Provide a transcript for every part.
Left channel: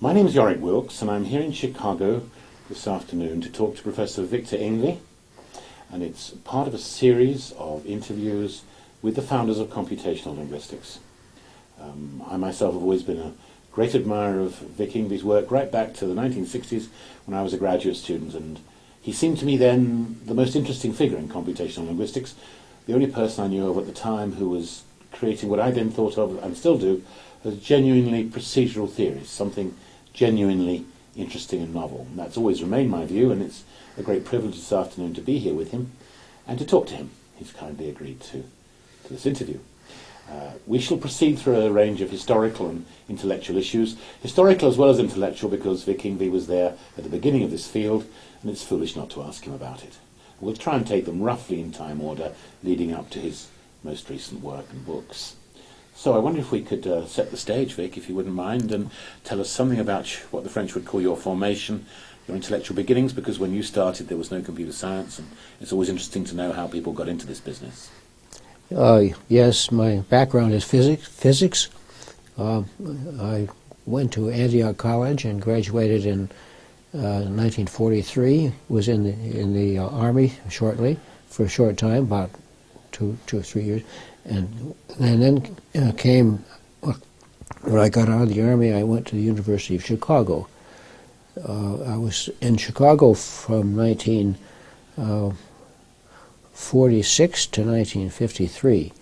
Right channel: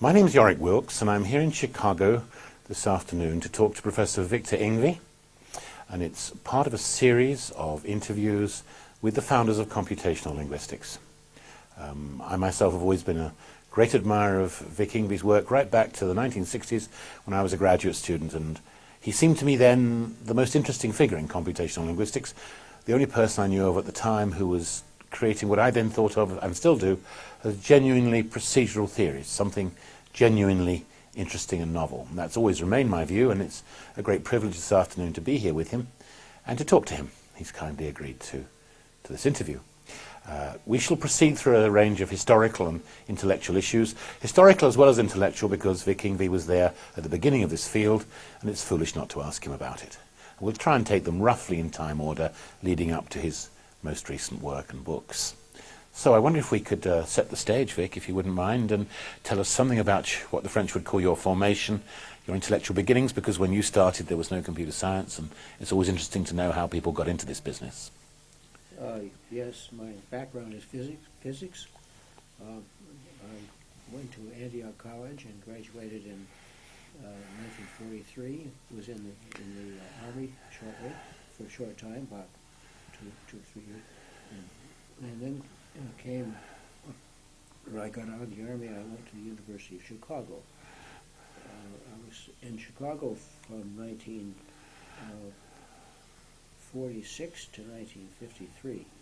My name is Yorick Wilks, and I'm here in Chicago this afternoon to talk to Professor Victor Yngve, and it's part of a series of interviews with the founders of computational linguistics. I myself have always been a great admirer of Vic Yngve's work right back to the 1960s when I was a graduate student, and he seemed to me then the most interesting figure in computational linguistics, the only person I knew of at the time who was creating what I then thought of, and still do, as genuinely procedural theories, something genuinely interesting and novel. And that's always remained my view, and it's a great privilege this afternoon to be here with him and to talk to him. He's kindly agreed to this interview. We shall proceed through a range of historical and intellectual issues, historical as well as intellectual, because Vic Yngve was there at the beginning of this field, and it's foolish not to ask him about it. We'll try and take them roughly in time order, leading up to his most recent work and books. So I wonder if we could set the stage, Vic, if you wouldn't mind, and tell us something about what the French would call your formation, your intellectual beginnings, because when you started there was no computer science, and it's always interesting to know how people got into this business. Yes, my background is physics. I went to Antioch College and graduated in 1943. Was in the Army shortly, for a short time, about two or 3 years, and then came. When I got out of the Army, I went to the University of Chicago. I was in Chicago from 1946 to 1953,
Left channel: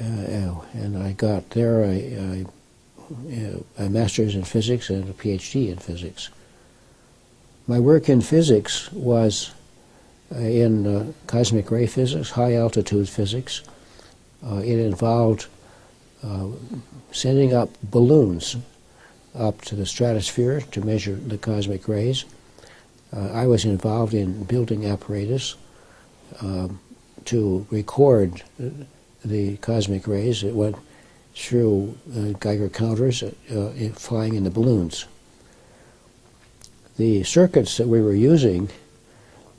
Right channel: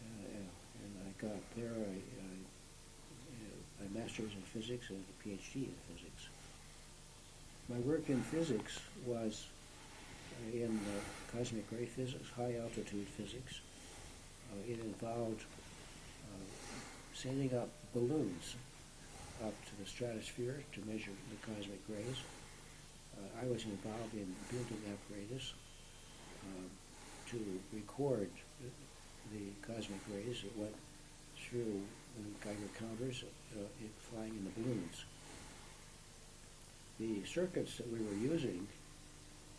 and I got there a master's in physics and a PhD in physics. My work in physics was in cosmic ray physics, high altitude physics. It involved sending up balloons up to the stratosphere to measure the cosmic rays. I was involved in building apparatus to record the cosmic rays. It went through Geiger counters flying in the balloons. The circuits that we were using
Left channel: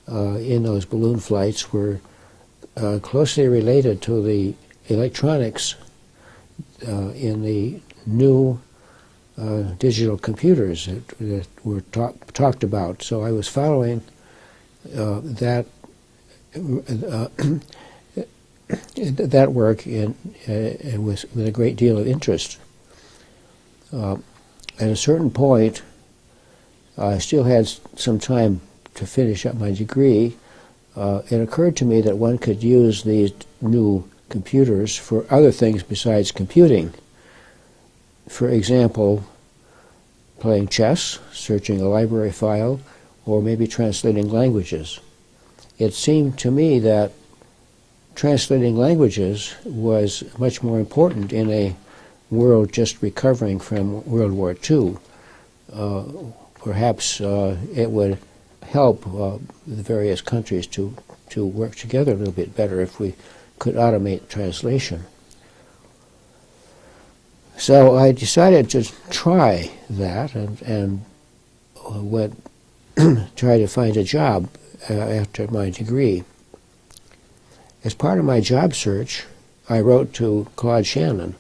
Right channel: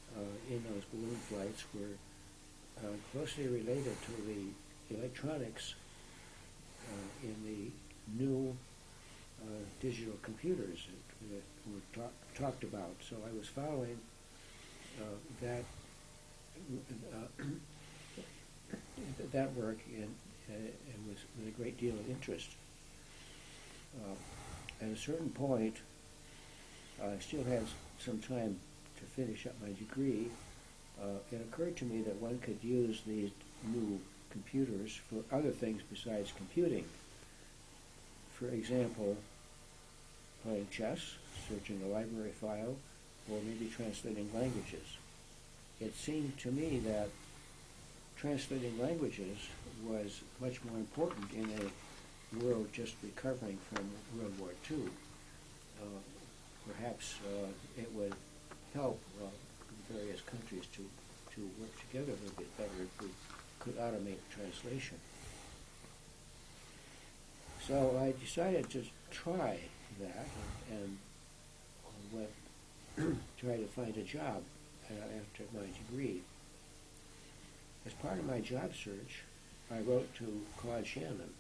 in those balloon flights were closely related to the electronics in the new digital computers that were talked about. So I was following that work and with a great deal of interest. At a certain point, I still had some time to finish up my degree. It occurred to me that one could use these new computers for other things besides computing. For example, playing chess, searching a library file, or maybe translating languages. It seemed to me that translating languages was much more important in a world just recovering from World War II. Perhaps it would help the various countries to work together a little bit better if we could automate translation. So I decided to try that and went try to find a job after my degree. As part of my job search, I wrote to Claude Shannon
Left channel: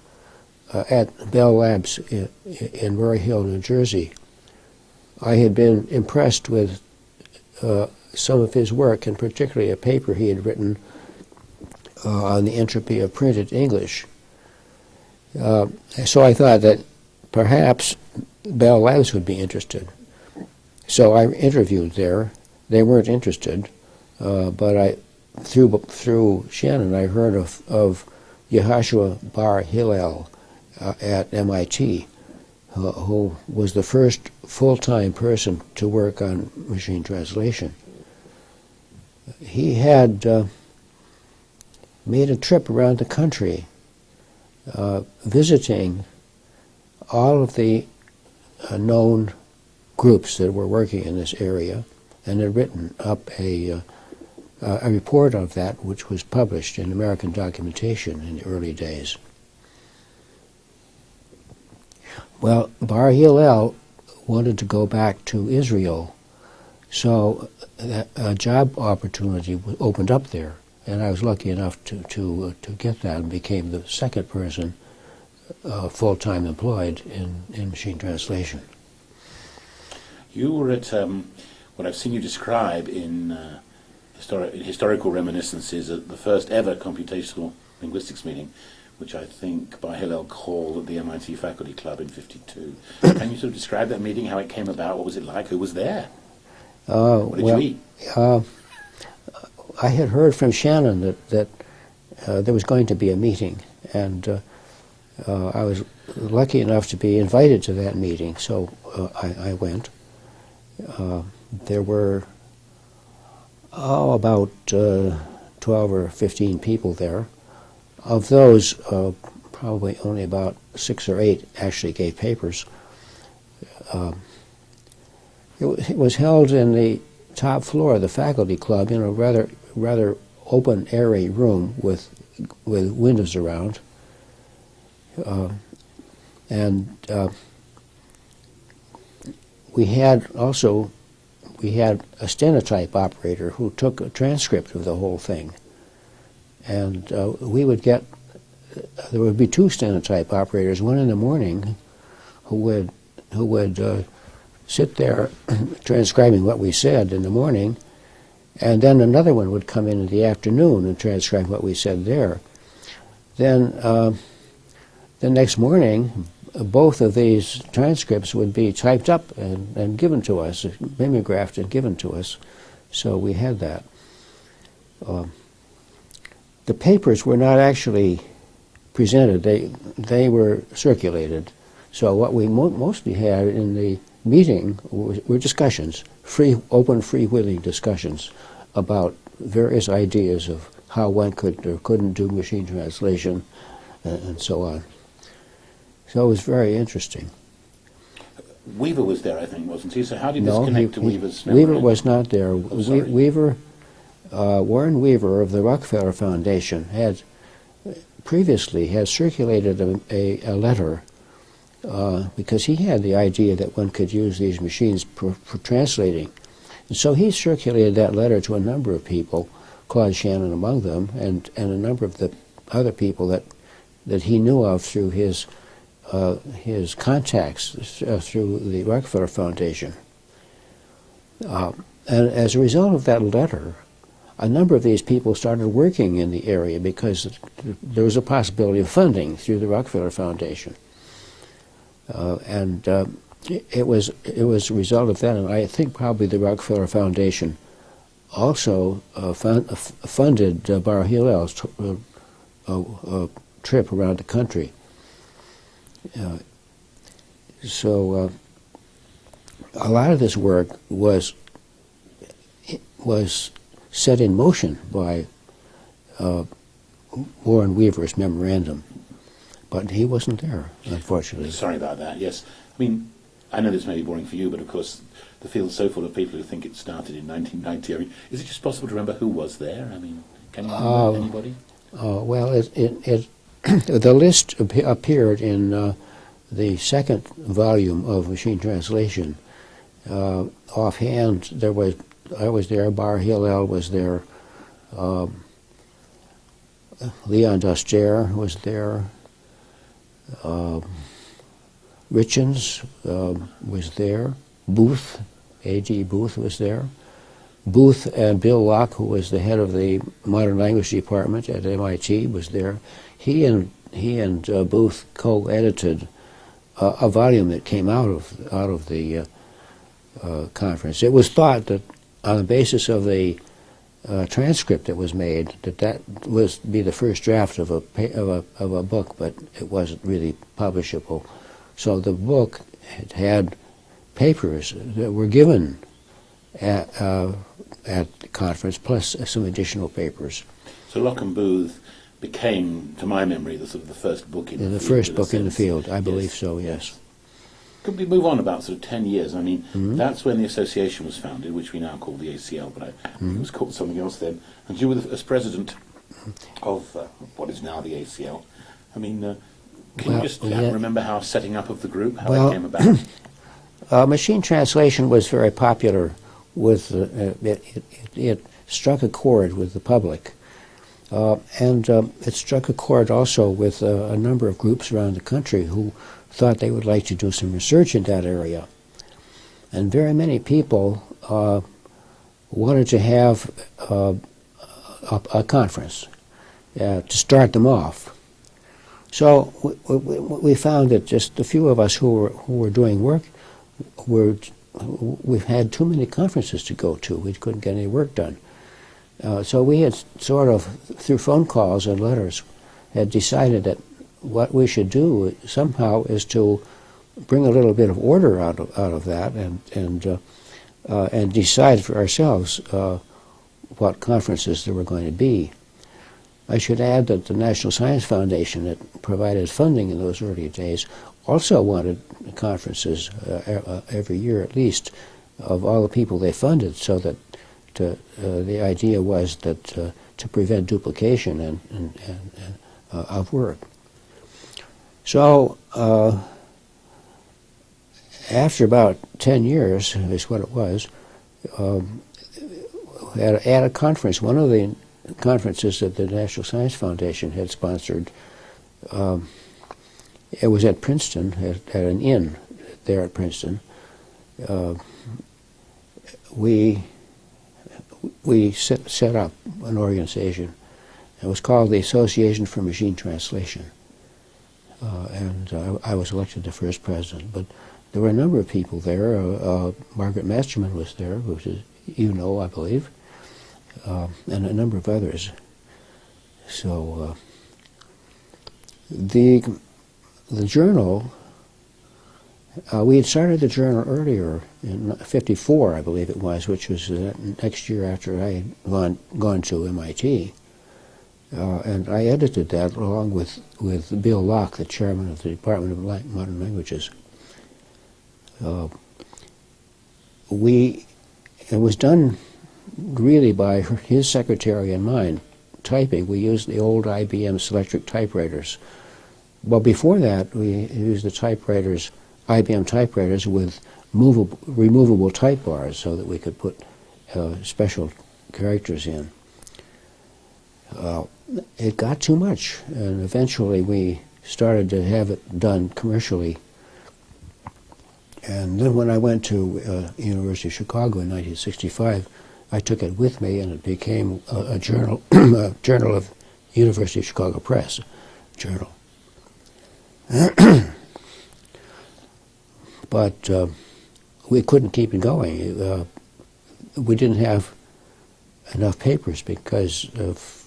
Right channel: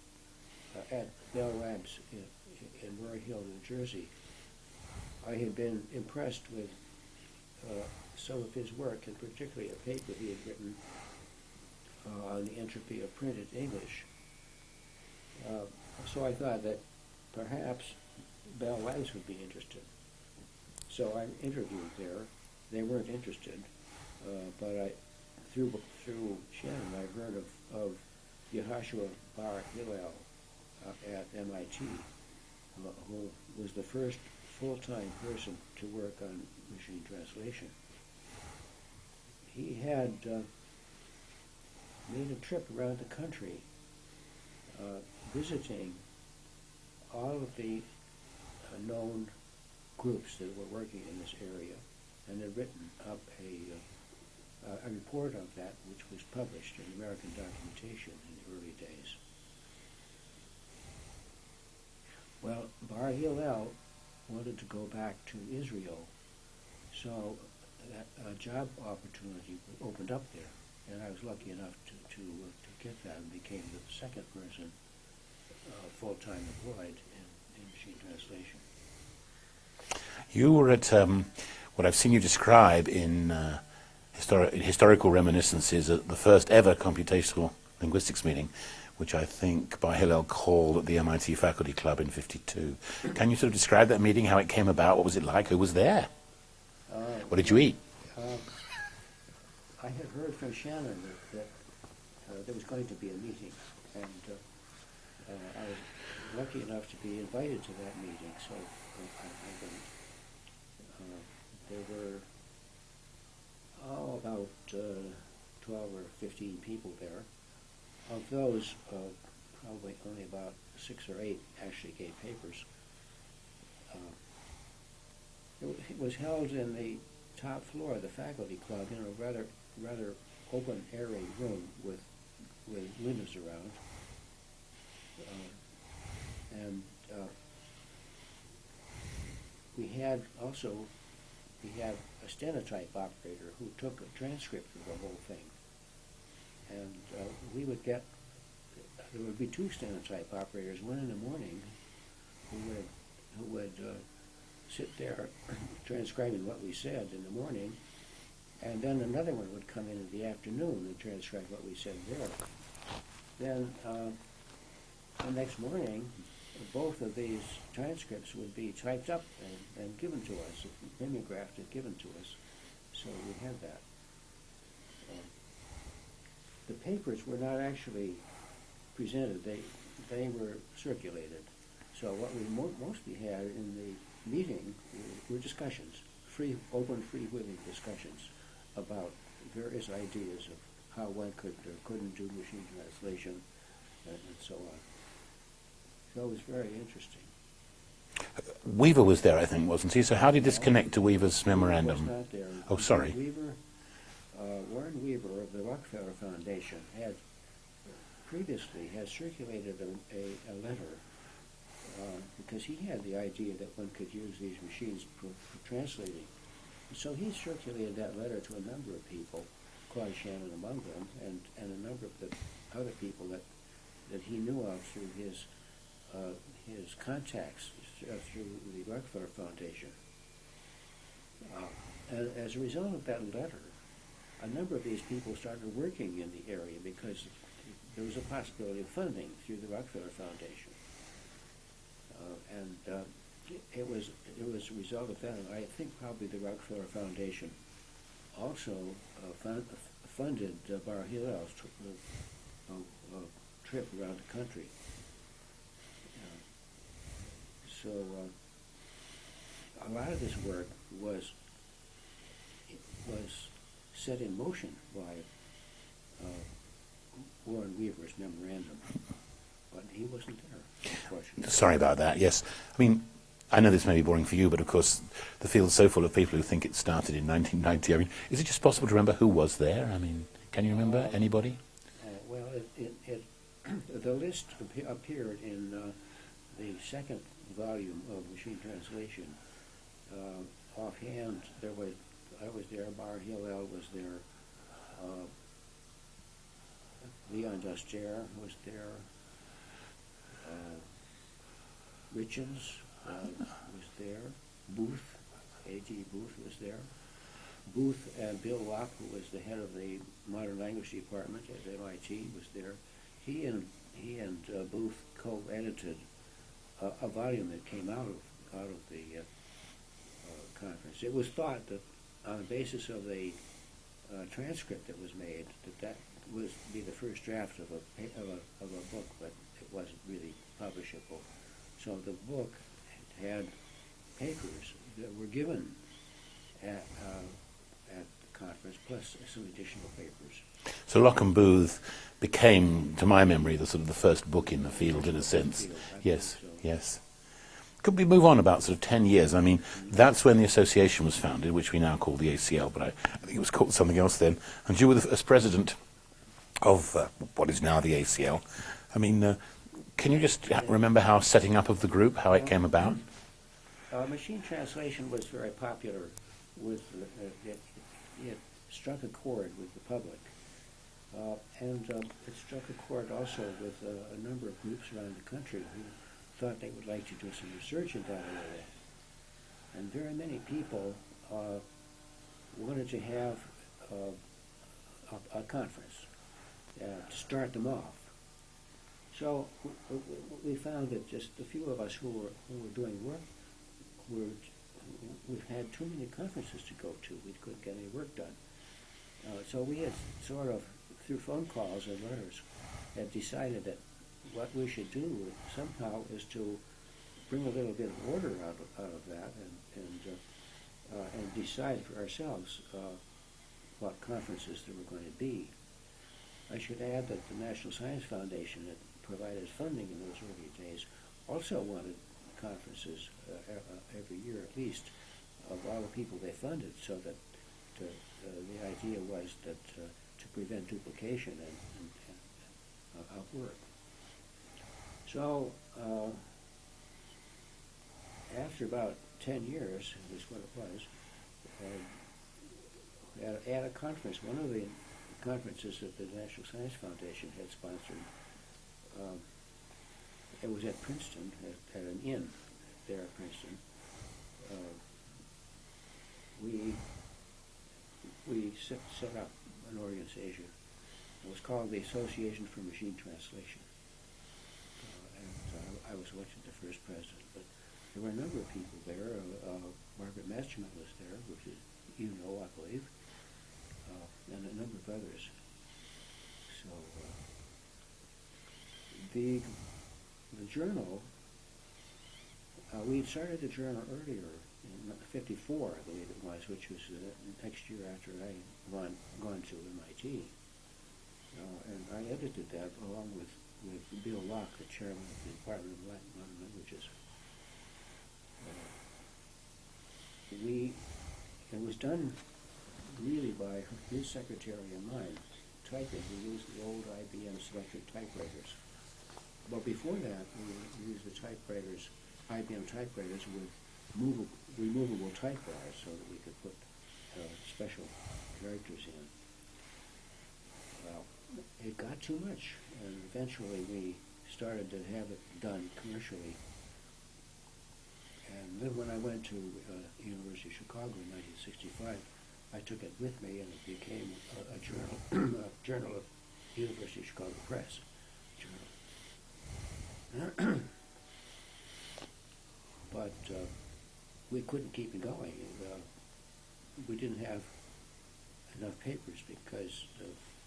at Bell Labs in Roy Hill, New Jersey. I had been impressed with some of his work, and particularly a paper he had written on the entropy of printed English. So I thought that perhaps Bell Labs would be interested. So I interviewed there. They weren't interested, but through Shannon, I heard of Yehoshua Bar Hillel at MIT, who was the first full-time person to work on machine translation. He had made a trip around the country visiting all of the known groups that were working in this area, and had written up a report of that, which was published in American Documentation in the early days. Well, Bar Hillel wanted to go back to Israel, so a job opportunity opened up there, and I was lucky enough to get that and became the second person full-time employed in machine translation. You were at what I've seen you describe in historical reminiscences at the first ever computational linguistics meeting, which I think by Hillel called at the MIT Faculty Club in '52. Can you sort of describe that meeting, how it came about, what was it like, who was there? What did you eat? I had heard from Shannon that there was going to be a meeting, and I was lucky enough to be invited to that meeting, so I went. There were about 12 or 15 people there. Of those, probably only about 6 or 8 actually gave papers. It was held in the top floor of the faculty club in a rather open, airy room with windows around, and we had a stenotype operator who took a transcript of the whole thing, and there would be 2 stenotype operators, one in the morning who would sit there transcribing what we said in the morning, and then another one would come in the afternoon and transcribe what we said there. Then the next morning, both of these transcripts would be typed up and given to us, mimeographed and given to us. So we had that. The papers were not actually presented. They were circulated. So what we mostly had in the meeting were discussions, open, freewheeling discussions about various ideas of how one could or couldn't do machine translation and so on. So it was very interesting. Weaver was there, I think, wasn't he? So how did this connect to Weaver's memorandum? Weaver was not there. Oh, sorry. Warren Weaver of the Rockefeller Foundation had previously circulated a letter because he had the idea that one could use these machines for translating. And so he circulated that letter to a number of people, Claude Shannon among them, and a number of the other people that he knew of through his contacts through the Rockefeller Foundation. And as a result of that letter, a number of these people started working in the area because there was a possibility of funding through the Rockefeller Foundation. It was a result of that, and I think probably the Rockefeller Foundation also funded Bar Hillel's trip around the country. So a lot of this work was set in motion by Warren Weaver's memorandum, but he wasn't there, unfortunately. Sorry about that, yes. I mean, I know this may be boring for you, but of course the field's so full of people who think it started in 1990. I mean, is it just possible to remember who was there? I mean, can you remember anybody? Well, the list appeared in the second volume of Machine Translation. Offhand, I was there, Bar Hillel was there, Leon Duster was there, Richens was there, Booth, A.G. Booth was there. Booth and Bill Locke, who was the head of the Modern Language Department at MIT, was there. He and Booth co-edited a volume that came out of the conference. It was thought that on the basis of the transcript that was made, that was be the first draft of a book, but it wasn't really publishable. So the book had papers that were given at the conference, plus some additional papers. So Locke and Booth became, to my memory, the first book in the field. The first book in the field, I believe so, yes. Could we move on about sort of 10 years? I mean, that's when the association was founded, which we now call the ACL, but I think it was called something else then. And you were as president of what is now the ACL. I mean, can you just remember how setting up of the group, how it came about? Machine translation was very popular. It struck a chord with the public. And it struck a chord also with a number of groups around the country who thought they would like to do some research in that area. and very many people wanted to have a conference to start them off. So we found that just a few of us who were doing work we've had too many conferences to go to. We couldn't get any work done. So we had sort of, through phone calls and letters, had decided that what we should do somehow is to bring a little bit of order out of that and decide for ourselves what conferences there were going to be. I should add that the National Science Foundation, that provided funding in those early days, also wanted conferences every year at least of all the people they funded, so that the idea was that to prevent duplication of work. So after about 10 years, is what it was, at a conference, one of the conferences that the National Science Foundation had sponsored, it was at Princeton, at an inn there at Princeton. We set up an organization. It was called the Association for Machine Translation. And I was elected the first president. But there were a number of people there. Margaret Masterman was there, which is, you know, I believe, and a number of others. So the journal, we had started the journal earlier in '54, I believe it was, which was the next year after I had gone to MIT. And I edited that along with Bill Locke, the chairman of the Department of Modern Languages. It was done really by his secretary and mine, typing. We used the old IBM Selectric typewriters. Well, before that, we used the typewriters, IBM typewriters with removable type bars so that we could put special characters in. It got too much, and eventually we started to have it done commercially. And then when I went to University of Chicago in 1965, I took it with me, and it became a journal, a journal of University of Chicago Press journal. But we couldn't keep it going. We didn't have enough papers because of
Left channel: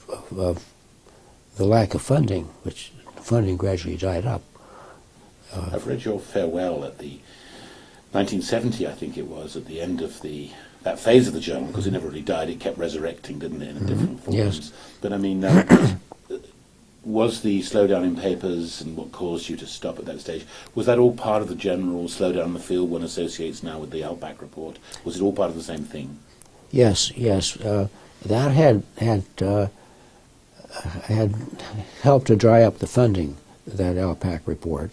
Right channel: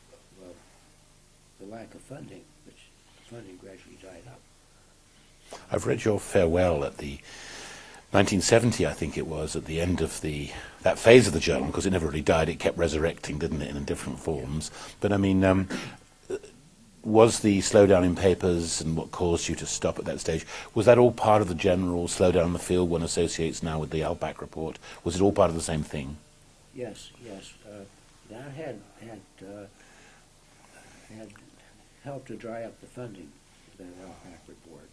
the lack of funding, which funding gradually died up. I've read your farewell at the 1970, I think it was, at the end of that phase of the journal, because it never really died. It kept resurrecting, didn't it, in different forms. Yes. But I mean, was the slowdown in papers and what caused you to stop at that stage, was that all part of the general slowdown in the field one associates now with the Outback report? Was it all part of the same thing? Yes, yes. That had helped to dry up the funding, that Outback report,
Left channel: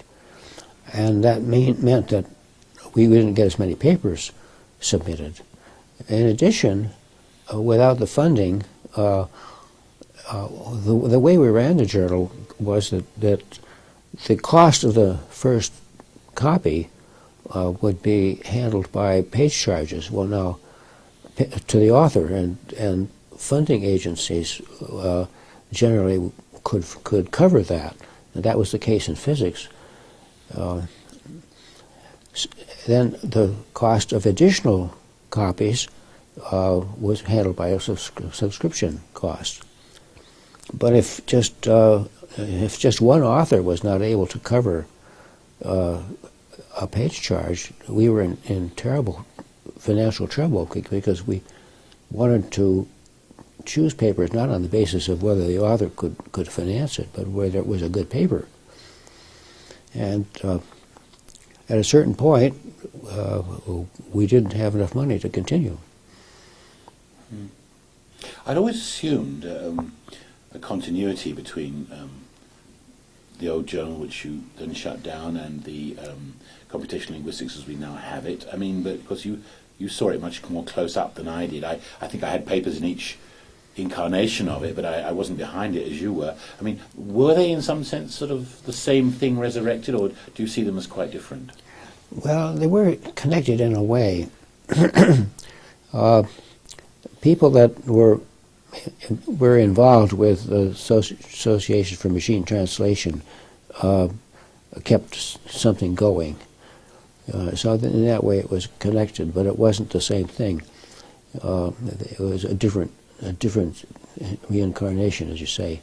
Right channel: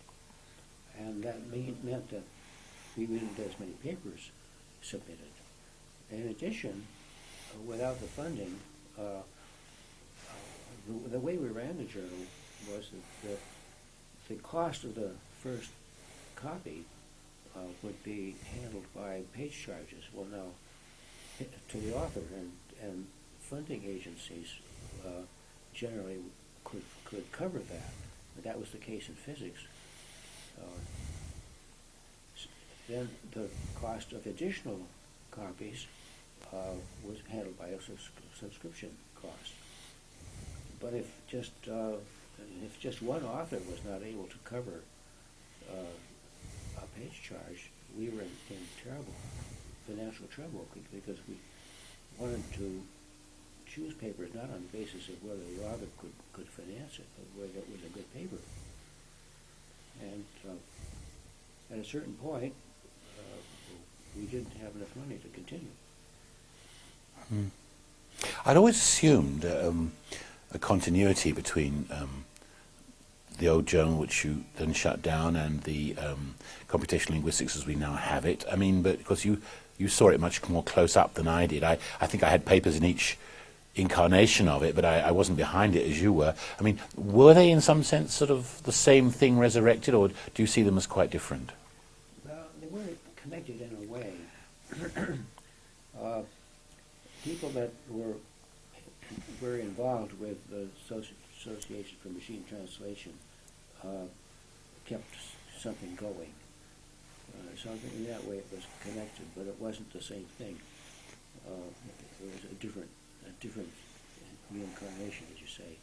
and that meant that we didn't get as many papers submitted. In addition, without the funding, the way we ran the journal was that the cost of the first copy would be handled by page charges. Well, now, to the author, and funding agencies generally could cover that. And that was the case in physics. Then the cost of additional copies was handled by a subscription cost. But if just one author was not able to cover a page charge, we were in terrible financial trouble, because we wanted to choose papers not on the basis of whether the author could finance it, but whether it was a good paper. And at a certain point, we didn't have enough money to continue. I'd always assumed a continuity between the old journal, which you then shut down, and the computational linguistics as we now have it. I mean, but because you saw it much more close up than I did. I think I had papers in each incarnation of it, but I wasn't behind it as you were. I mean, were they in some sense sort of the same thing resurrected, or do you see them as quite different? Well, they were connected in a way. People that were involved with the Association for Machine Translation kept something going. So in that way it was connected, but it wasn't the same thing. It was a different reincarnation, as you say.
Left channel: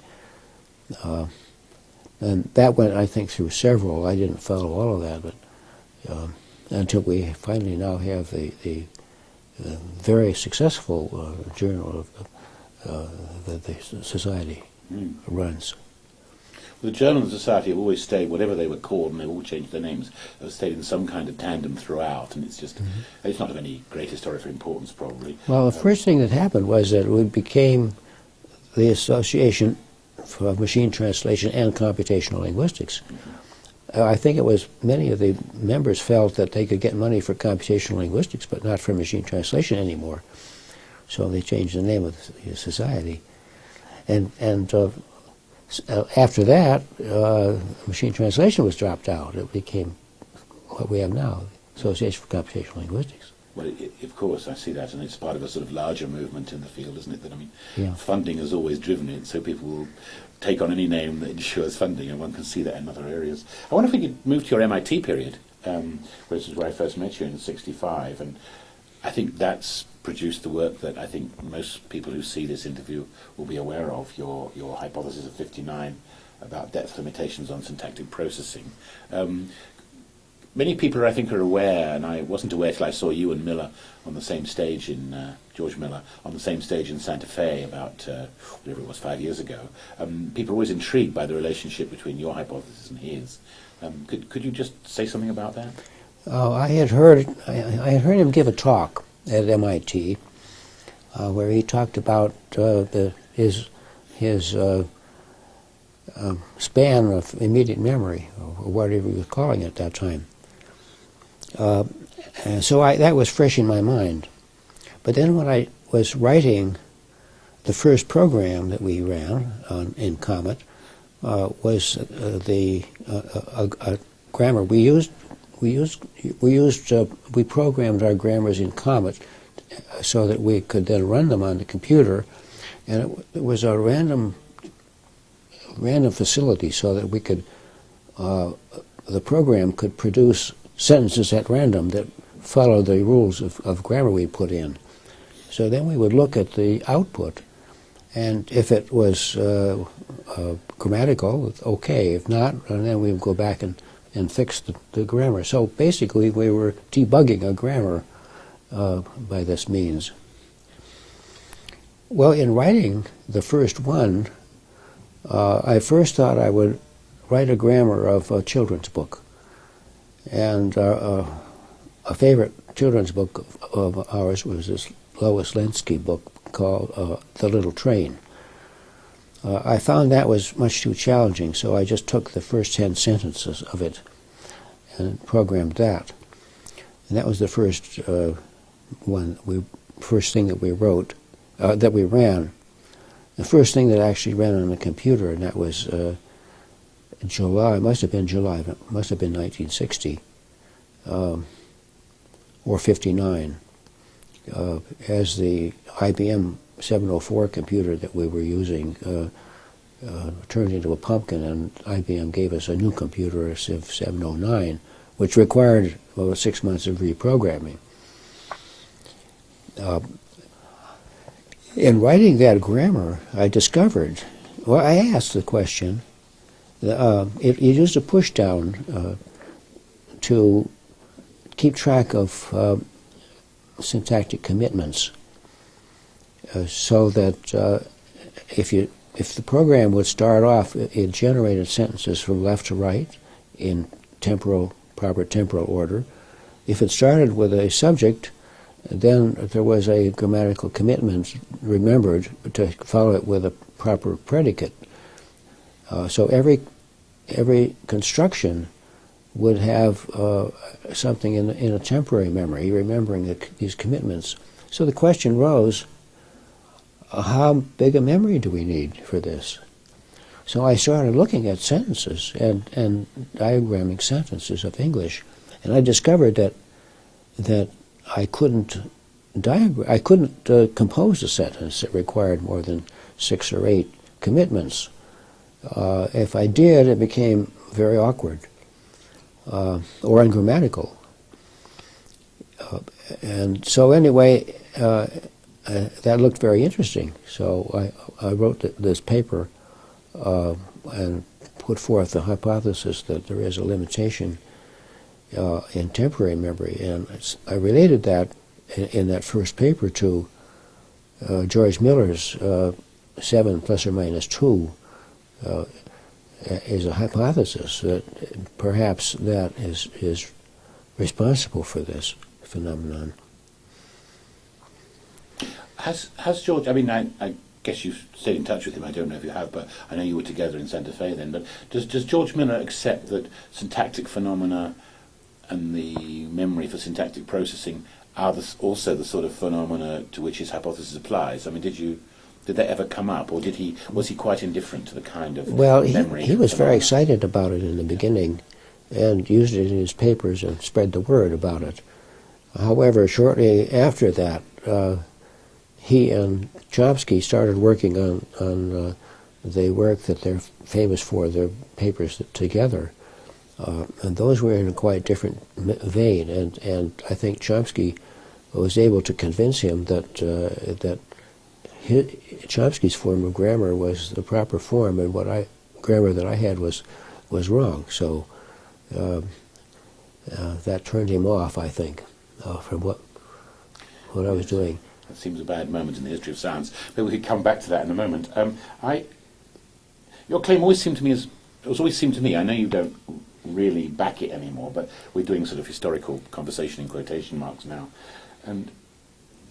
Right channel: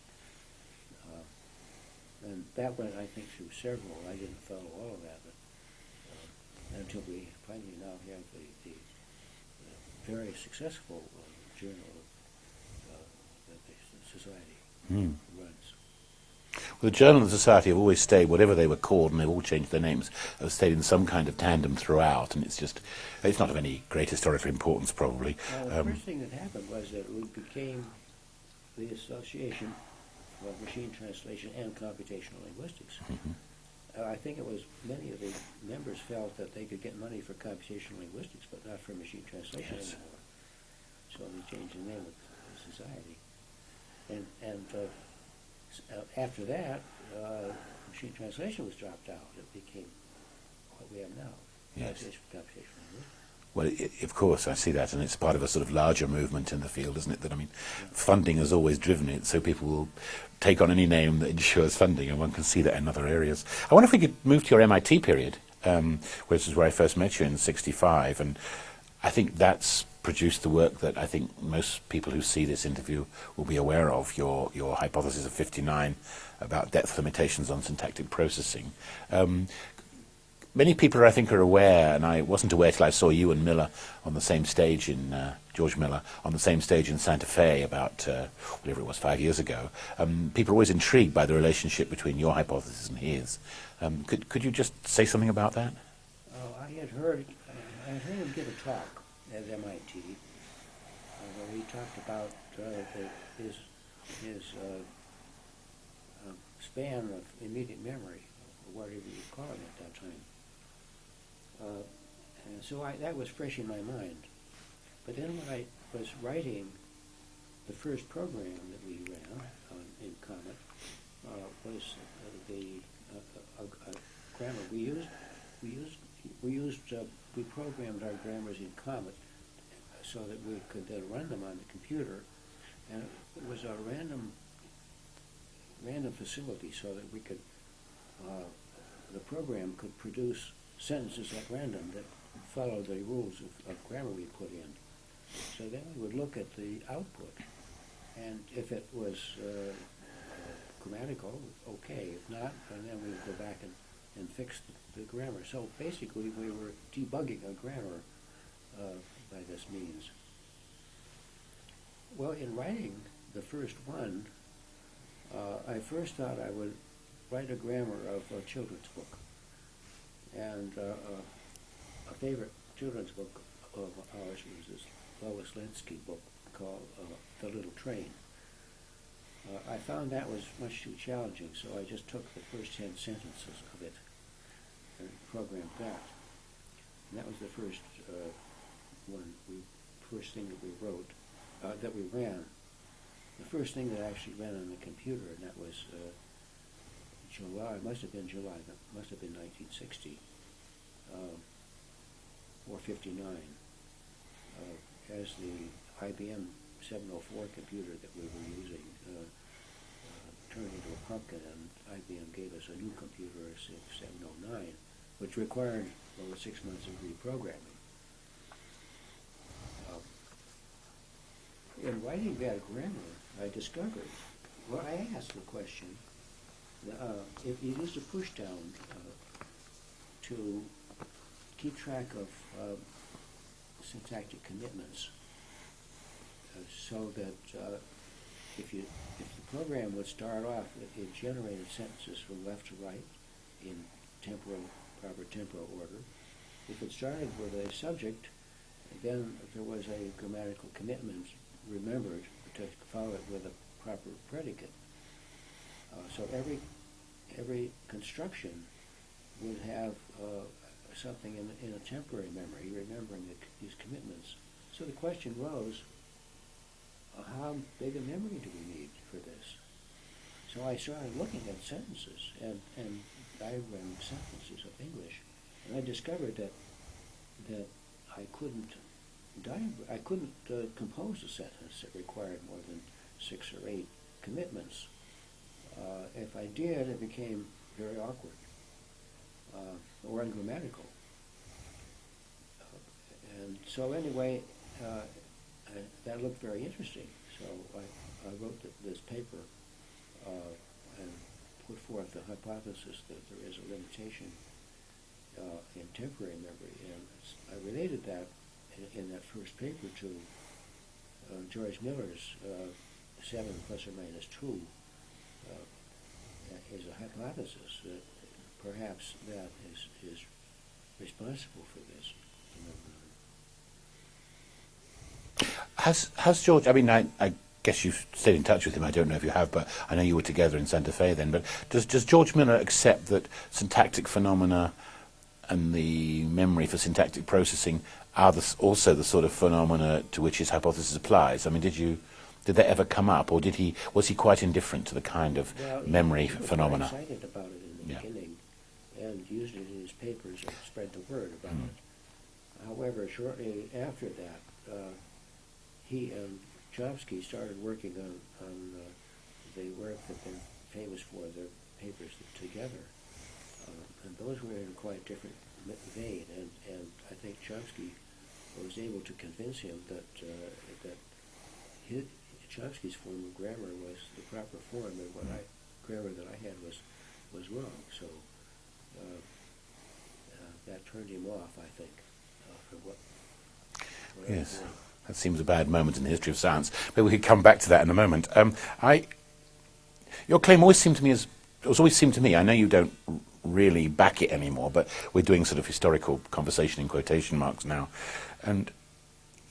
And that went, I think, through several. I didn't follow all of that, but until we finally now have the very successful journal that the Society runs. Well, the Journal and the Society have always stayed, whatever they were called, and they've all changed their names, have stayed in some kind of tandem throughout, and it's just, it's not of any great historical importance, probably. Well, the first thing that happened was that we became the Association for Machine Translation and Computational Linguistics. I think it was many of the members felt that they could get money for computational linguistics, but not for machine translation anymore. So they changed the name of the society. And after that, machine translation was dropped out. It became what we have now, Association for Computational Linguistics. Well, of course, I see that, and it's part of a sort of larger movement in the field, isn't it? That, I mean, Yeah. funding has always driven it, so people will take on any name that ensures funding, and one can see that in other areas. I wonder if we could move to your MIT period, which is where I first met you in '65, and I think that's produced the work that I think most people who see this interview will be aware of, your hypothesis of 59 about depth limitations on syntactic processing. Many people, I think, are aware, and I wasn't aware till I saw you and Miller on the same stage in, George Miller, on the same stage in Santa Fe about, whatever it was, 5 years ago. People are always intrigued by the relationship between your hypothesis and his. Could you just say something about that? I had heard him give a talk at MIT where he talked about his span of immediate memory, or whatever you were calling it at that time. And so that was fresh in my mind. But then when I was writing the first program that we ran in Comet, was a grammar we programmed our grammars in Comet so that we could then run them on the computer, and it was a random facility so that we could the program could produce sentences at random that followed the rules of grammar we put in. So then we would look at the output, and if it was grammatical, okay. If not, and then we would go back and fix the grammar. So basically we were debugging a grammar by this means. Well, in writing the first one, I first thought I would write a grammar of a children's book. And a favorite children's book of ours was this Lois Lenski book called The Little Train. I found that was much too challenging, so I just took the first 10 sentences of it and programmed that. And that was the first first thing that we wrote, that we ran. The first thing that actually ran on the computer, and that was July, it must have been July, it must have been 1960, or 59, as the IBM 704 computer that we were using turned into a pumpkin, and IBM gave us a new computer, a Civ 709, which required about 6 months of reprogramming. In writing that grammar, I discovered, well, I asked the question, it used a pushdown to keep track of syntactic commitments, so that if the program would start off, it generated sentences from left to right in proper temporal order. If it started with a subject, then there was a grammatical commitment remembered to follow it with a proper predicate. So every construction would have something in a temporary memory, remembering these commitments. So the question rose, how big a memory do we need for this? So I started looking at sentences and diagramming sentences of English, And I discovered that I couldn't compose a sentence that required more than 6 or 8 commitments. If I did, it became very awkward or ungrammatical. And so anyway, that looked very interesting. So I wrote this paper and put forth the hypothesis that there is a limitation in temporary memory. And I related that in that first paper to George Miller's 7 plus or minus 2 is a hypothesis that perhaps that is responsible for this phenomenon. Has George, I mean, I guess you've stayed in touch with him, I don't know if you have, but I know you were together in Santa Fe then, but does George Miller accept that syntactic phenomena and the memory for syntactic processing are also the sort of phenomena to which his hypothesis applies? I mean, did that ever come up, or was he quite indifferent to the kind of memory? He was phenomena? very excited about it in the beginning and used it in his papers and spread the word about it. However, shortly after that, he and Chomsky started working on the work that they're famous for, their papers together. And those were in a quite different vein, and I think Chomsky was able to convince him that Chomsky's form of grammar was the proper form, and grammar that I had was wrong. So that turned him off, I think, from what I was doing. That seems a bad moment in the history of science. Maybe we could come back to that in a moment. Your claim always seemed to me, I know you don't really back it anymore, but we're doing sort of historical conversation in quotation marks now, and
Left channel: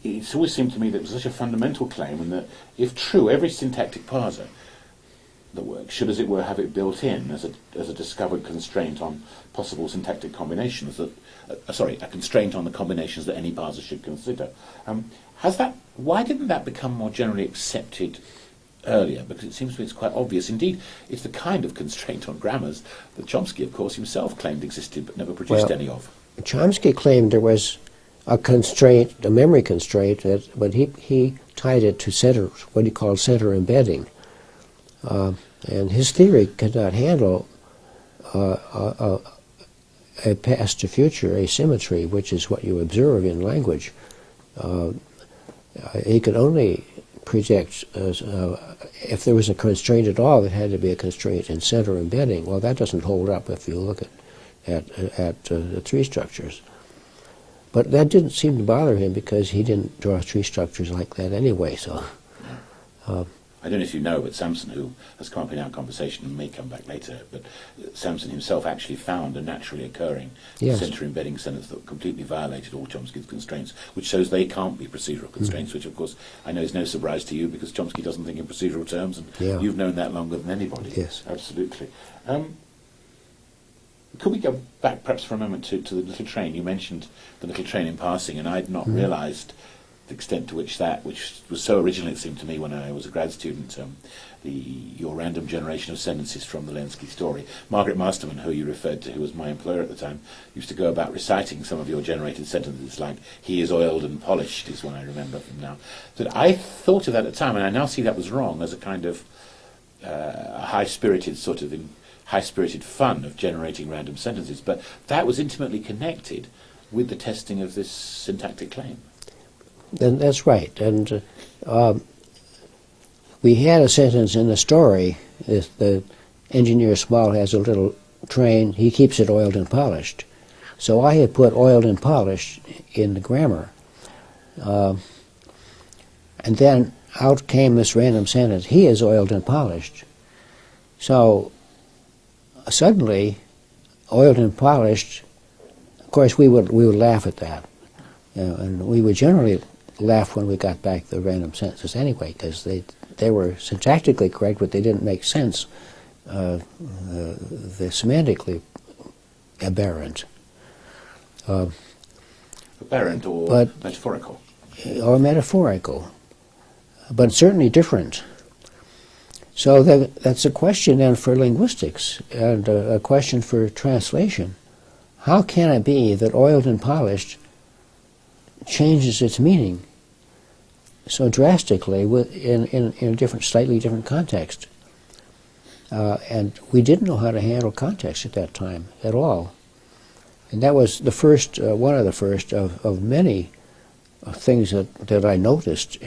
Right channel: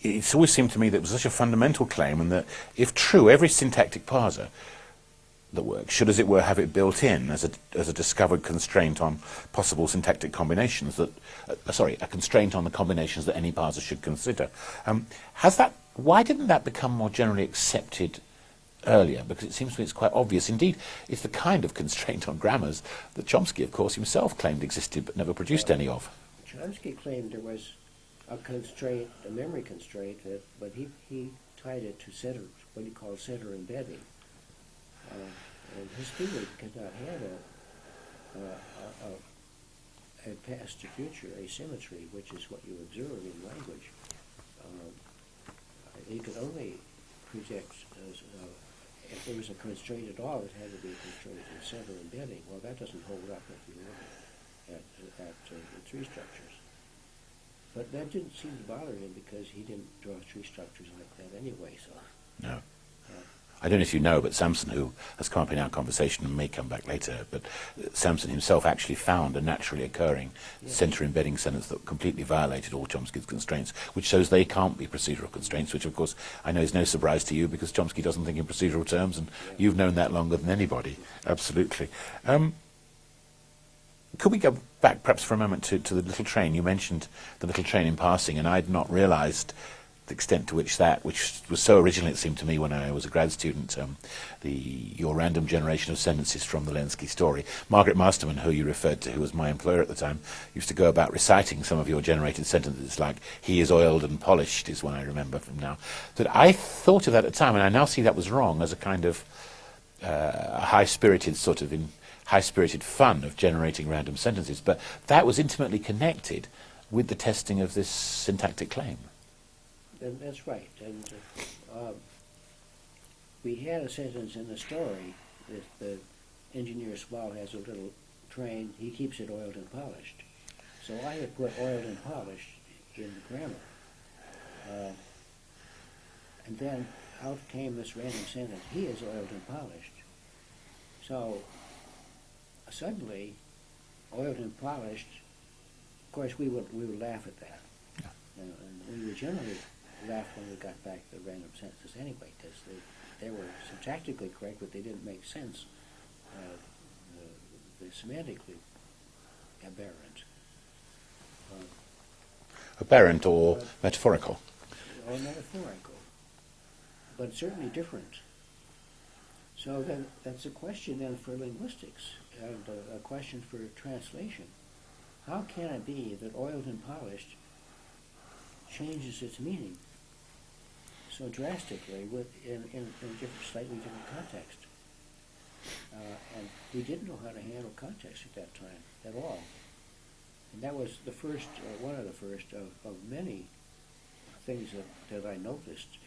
it's always seemed to me that it was such a fundamental claim, and that if true, every syntactic parser that works should, as it were, have it built in as a discovered constraint on possible syntactic combinations that, a constraint on the combinations that any parser should consider. Why didn't that become more generally accepted earlier? Because it seems to me it's quite obvious. Indeed, it's the kind of constraint on grammars that Chomsky, of course, himself claimed existed but never produced any of. Chomsky claimed there was a constraint, a memory constraint, but he tied it to center, what he called center embedding. And his theory could not handle a past to future asymmetry, which is what you observe in language. He could only project, if there was a constraint at all, it had to be a constraint in center embedding. Well, that doesn't hold up if you look at the tree structures. But that didn't seem to bother him because he didn't draw tree structures like that anyway. So, I don't know if you know, but Samson, who has come up in our conversation and may come back later, but Samson himself actually found a naturally occurring center embedding sentence that completely violated all Chomsky's constraints, which shows they can't be procedural constraints, which of course I know is no surprise to you because Chomsky doesn't think in procedural terms, and you've known that longer than anybody. Yes. Absolutely. Could we go back perhaps for a moment to the little train? You mentioned the little train in passing, and I'd not realised the extent to which which was so original, it seemed to me when I was a grad student, your random generation of sentences from the Lenski story. Margaret Masterman, who you referred to, who was my employer at the time, used to go about reciting some of your generated sentences, like, "He is oiled and polished," is one I remember from now. But I thought of that at the time, and I now see that was wrong as a kind of high-spirited fun of generating random sentences. But that was intimately connected with the testing of this syntactic claim. And that's right. And we had a sentence in the story, the engineer Small has a little train, he keeps it oiled and polished. So I had put oiled and polished in the grammar. And then out came this random sentence, he is oiled and polished. So suddenly, oiled and polished, of course we would laugh at that. And we would generally laugh when we got back the random sentences anyway, because they were syntactically correct, but they didn't make sense. They're semantically aberrant. Aberrant or metaphorical? Or metaphorical, but certainly different. So that's a question then for linguistics, and a question for translation. how can it be that oiled and polished changes its meaning so drastically in a different, slightly different context? And we didn't know how to handle context at that time at all. And that was the first, one of the first of many things that I noticed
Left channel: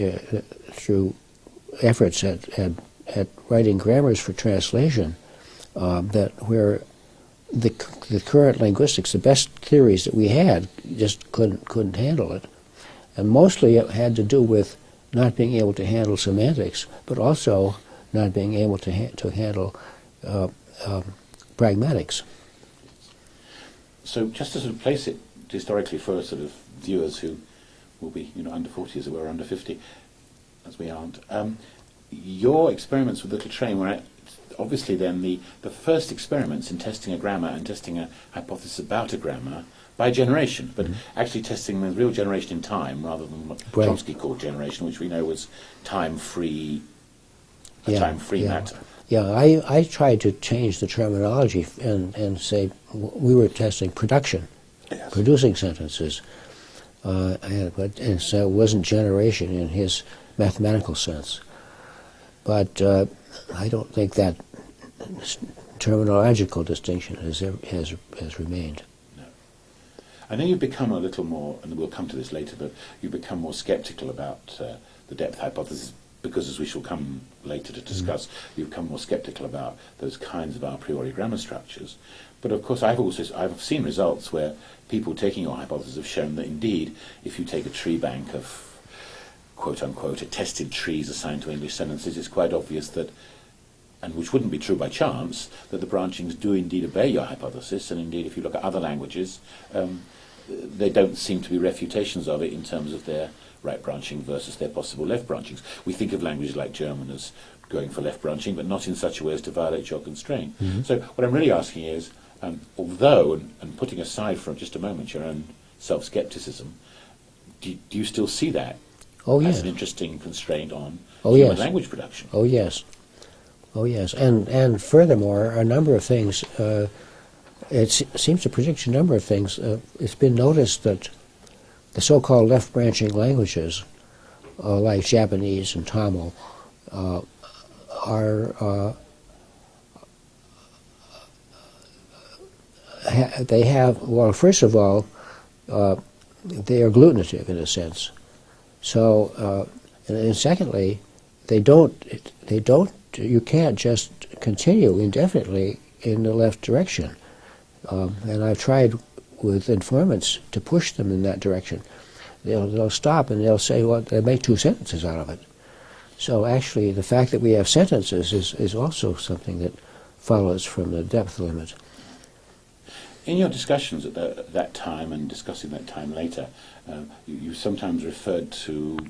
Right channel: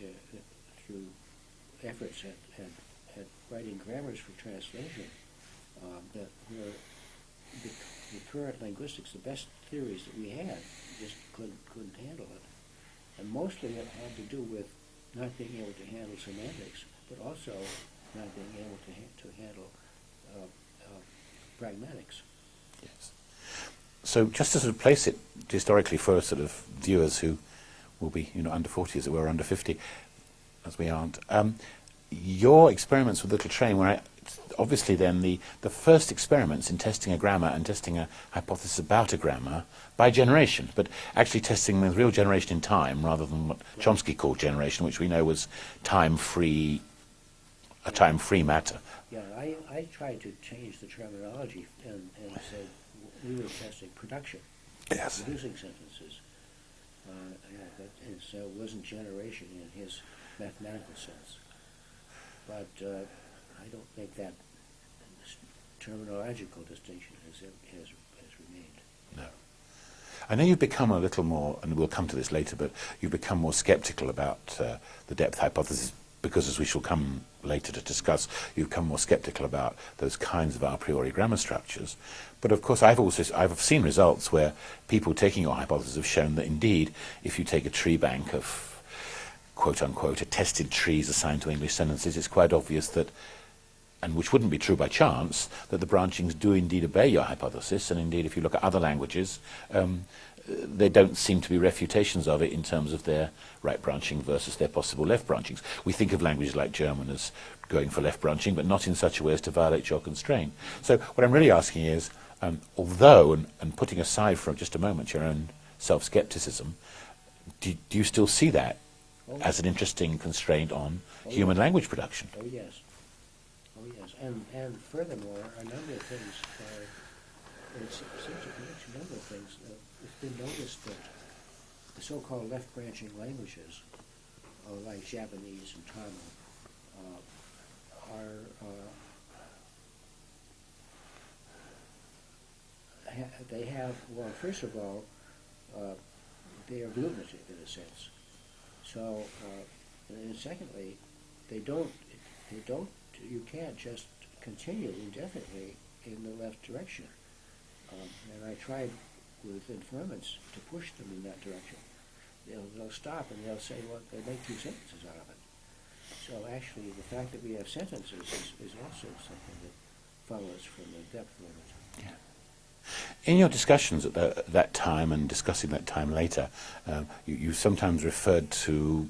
through efforts at writing grammars for translation, that where the current linguistics, the best theories that we had, just couldn't handle it. And mostly it had to do with not being able to handle semantics, but also not being able to handle pragmatics. So just to sort of place it historically for sort of viewers who will be, under 40 as it were, under 50, as we aren't, your experiments with Little Train were obviously then the first experiments in testing a grammar and testing a hypothesis about a grammar by generation, but actually testing the real generation in time rather than what Chomsky called generation, which we know was time-free, time-free matter. Yeah, I tried to change the terminology and say we were testing production, producing sentences, and so it wasn't generation in his mathematical sense. But I don't think that terminological distinction has remained. No. I know you've become a little more, and we'll come to this later, but you've become more skeptical about the depth hypothesis because, as we shall come later to discuss, you've become more skeptical about those kinds of a priori grammar structures. But of course, I've seen results where people taking your hypothesis have shown that indeed, if you take a tree bank of quote-unquote attested trees assigned to English sentences, it's quite obvious that, and which wouldn't be true by chance, that the branchings do indeed obey your hypothesis, and indeed if you look at other languages, they don't seem to be refutations of it in terms of their right branching versus their possible left branchings. We think of languages like German as going for left branching, but not in such a way as to violate your constraint. So what I'm really asking is, although, and putting aside for just a moment your own self-skepticism, do you still see that as an interesting constraint on human language production? Oh yes. Oh yes. And furthermore, a number of things, it seems to predict a number of things. It's been noticed that the so-called left-branching languages, like Japanese and Tamil, they have, well, first of all, they are agglutinative in a sense. So, and secondly, you can't just continue indefinitely in the left direction. And I've tried with informants to push them in that direction. They'll stop and they'll say, well, they make two sentences out of it. So actually, the fact that we have sentences is also something that follows from the depth limit. In your discussions at that time and discussing that time later, you sometimes referred to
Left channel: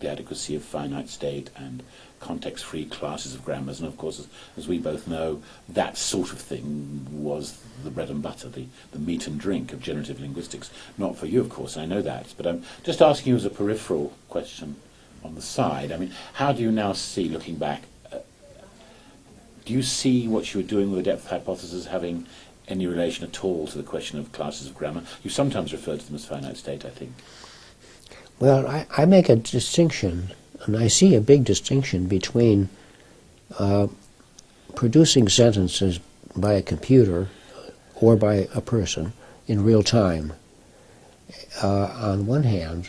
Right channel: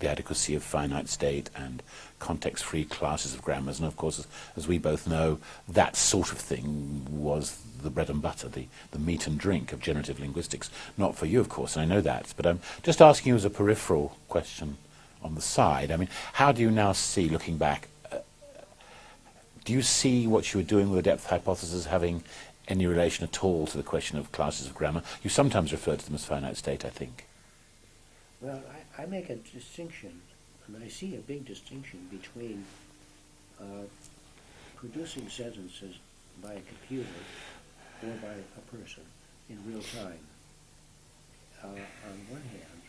the adequacy of finite state and context-free classes of grammars, and of course, as we both know, that sort of thing was the bread and butter, the meat and drink of generative linguistics. Not for you, of course, I know that, but I'm just asking you as a peripheral question on the side. I mean, how do you now see, looking back, do you see what you were doing with the depth hypothesis having any relation at all to the question of classes of grammar? You sometimes refer to them as finite state, I think. Well, I make a distinction, and I see a big distinction between producing sentences by a computer or by a person in real time, on one hand,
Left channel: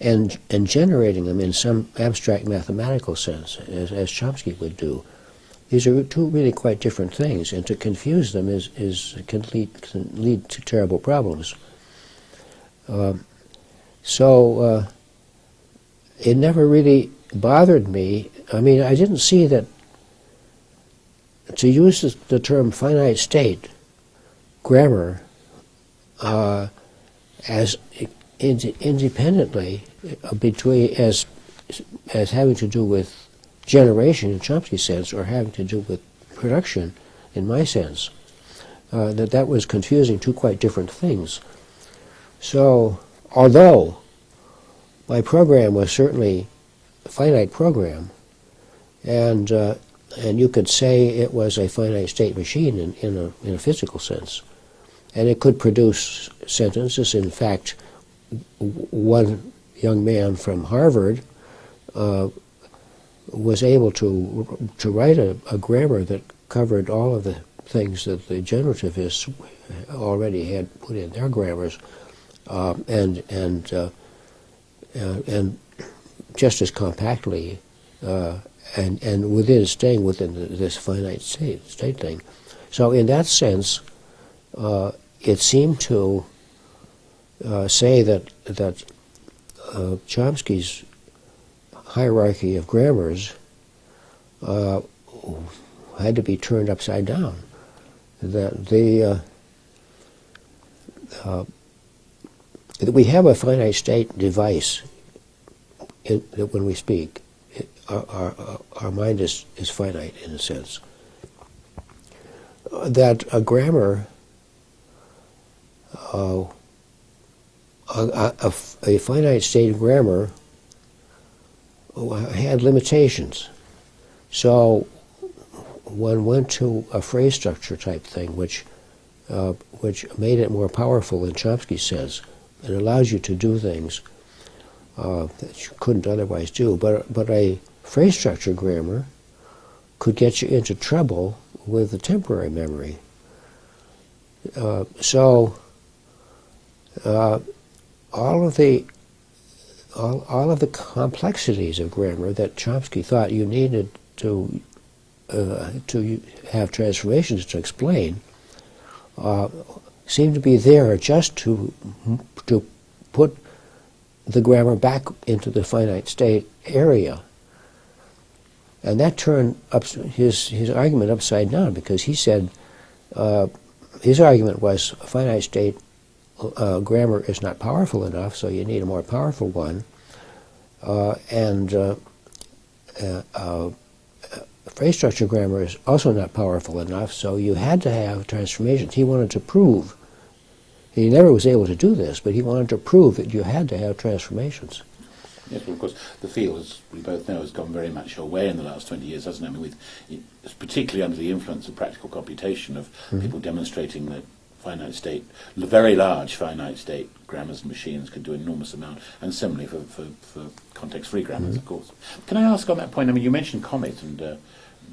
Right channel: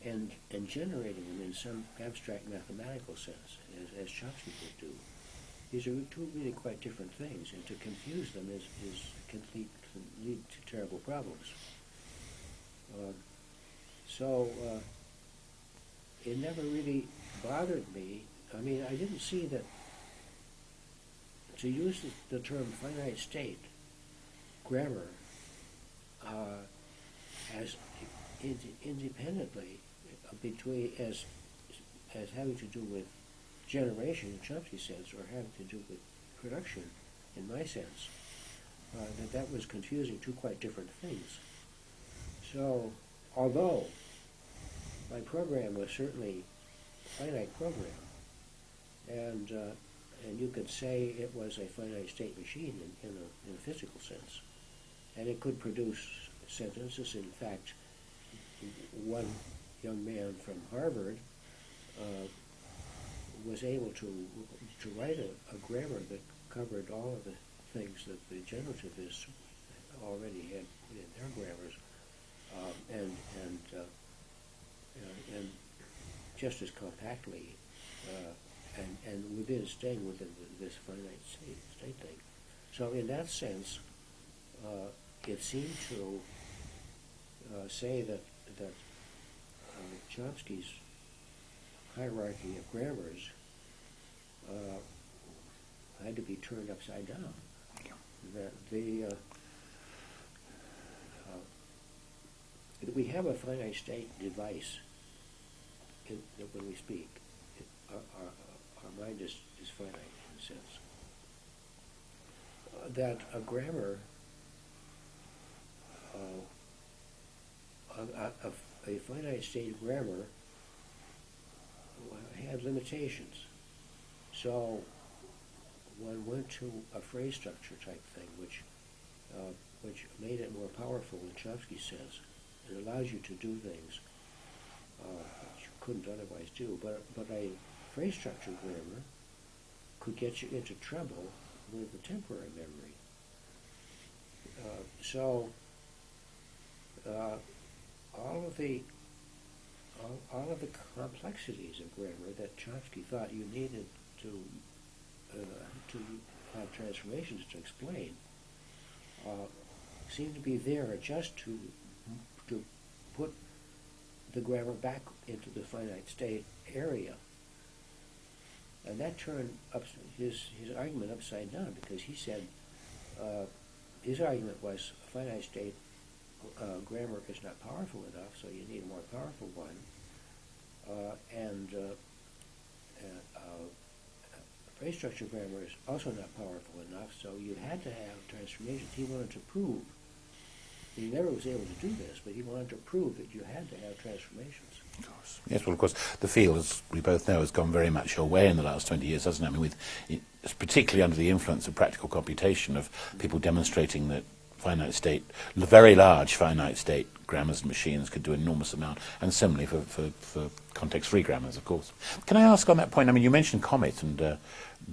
and generating them in some abstract mathematical sense, as Chomsky would do. These are two really quite different things, and to confuse them can lead to terrible problems. So it never really bothered me. I mean, I didn't see that to use the term finite state grammar as independently between as having to do with generation in Chomsky's sense or having to do with production in my sense, that was confusing two quite different things. So although my program was certainly a finite program, and you could say it was a finite state machine in a physical sense, and it could produce sentences. In fact, one young man from Harvard was able to write a grammar that covered all of the things that the generativists already had put in their grammars, and just as compactly, and staying within this finite state thing. So in that sense, it seemed to say that Chomsky's hierarchy of grammars had to be turned upside down. That we have a finite state device that when we speak, our mind is finite in a sense. That a grammar, a finite state grammar had limitations. So one went to a phrase structure type thing, which made it more powerful than Chomsky says. It allows you to do things that you couldn't otherwise do. But a phrase structure grammar could get you into trouble with the temporary memory. So all of the complexities of grammar that Chomsky thought you needed to have transformations to explain seem to be there just to put the grammar back into the finite state area. And that turned up his argument upside down, because he said his argument was a finite state grammar is not powerful enough, so you need a more powerful one. Phrase structure grammar is also not powerful enough, so you had to have transformations. He wanted to prove, he never was able to do this, but he wanted to prove that you had to have transformations. Yes, well, of course, the field, as we both know, has gone very much away in the last 20 years, hasn't it? I mean, it's particularly under the influence of practical computation, of people demonstrating that finite state, very large finite state grammars and machines could do an enormous amount, and similarly for context-free grammars, of course. Can I ask on that point, I mean, you mentioned Comet, and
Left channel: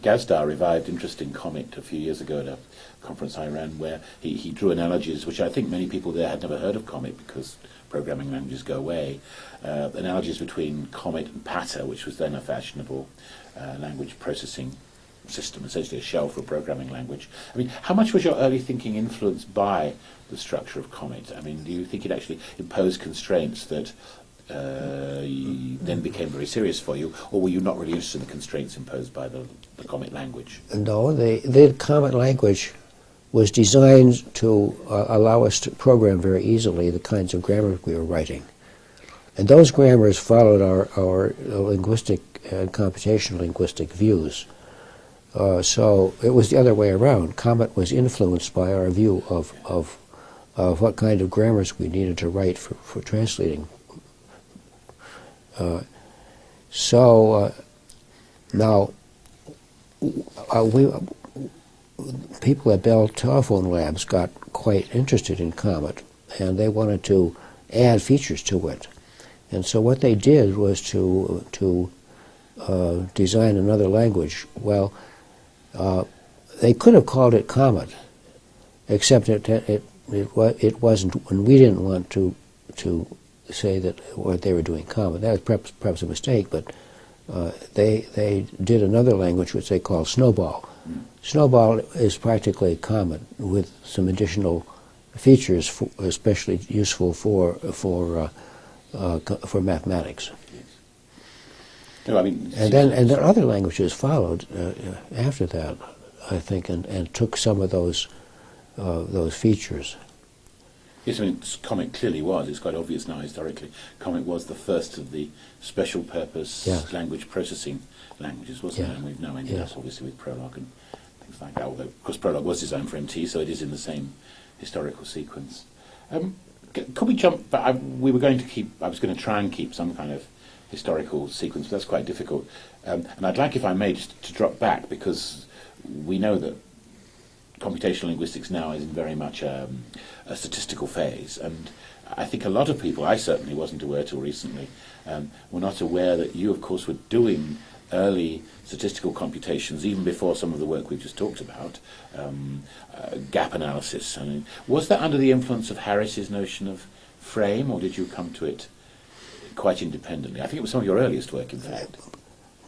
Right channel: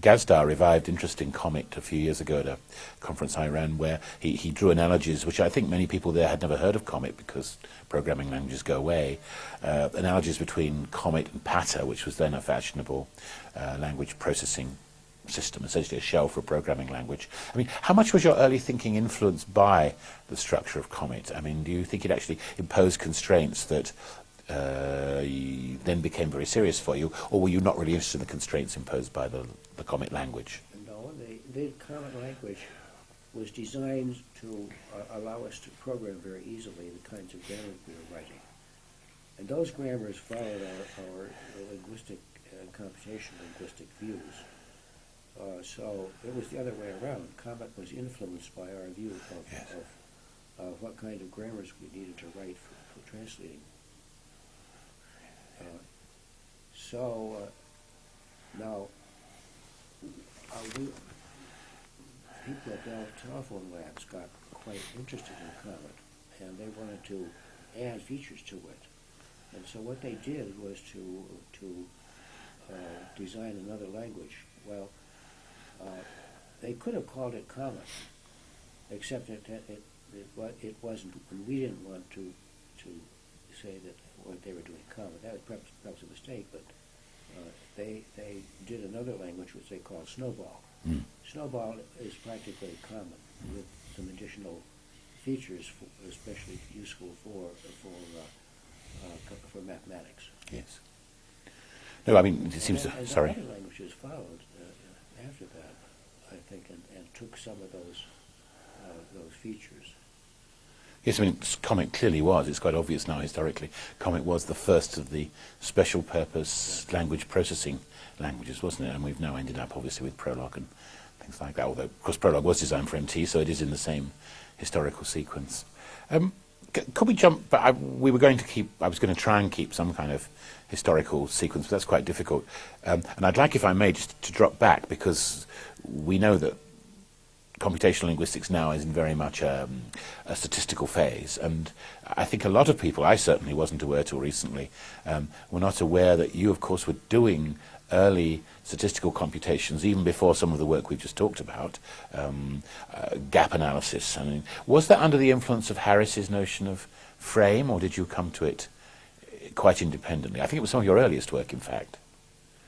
Gazdar revived interest in Comet a few years ago at a conference I ran, where he drew analogies, which I think many people there had never heard of Comet, because programming languages go away, analogies between Comet and Pata, which was then a fashionable language processing system, essentially a shell for a programming language. I mean, how much was your early thinking influenced by the structure of Comet? I mean, do you think it actually imposed constraints that then became very serious for you, or were you not really interested in the constraints imposed by the Comet language? No, the Comet language was designed to allow us to program very easily the kinds of grammars we were writing. And those grammars followed our linguistic and computational linguistic views. So it was the other way around. Comet was influenced by our view of what kind of grammars we needed to write for translating. Now, people at Bell Telephone Labs got quite interested in Comet, and they wanted to add features to it. And so what they did was to design another language. Well, they could have called it Comet, except it wasn't, and we didn't want to say that what they were doing Comet. That was perhaps a mistake, but they did another language which they called Snowball. Snowball is practically Comet with some additional features, especially useful for mathematics. Yes. No, I mean, and then other languages followed after that, I think, and took some of those features. Yes, I mean, Comet clearly was. It's quite obvious now historically. Comet was the first of the special purpose language processing languages, wasn't it? And we've now ended up obviously with Prolog and things like that. Although, of course, Prolog was designed for MT, so it is in the same historical sequence. Could we jump? But I was going to try and keep some kind of historical sequence, but that's quite difficult. And I'd like, if I may, just to drop back, because we know that computational linguistics now is in very much a statistical phase, and I think a lot of people, I certainly wasn't aware till recently, were not aware that you, of course, were doing early statistical computations even before some of the work we've just talked about, gap analysis. I mean, was that under the influence of Harris's notion of frame, or did you come to it quite independently? I think it was some of your earliest work, in fact.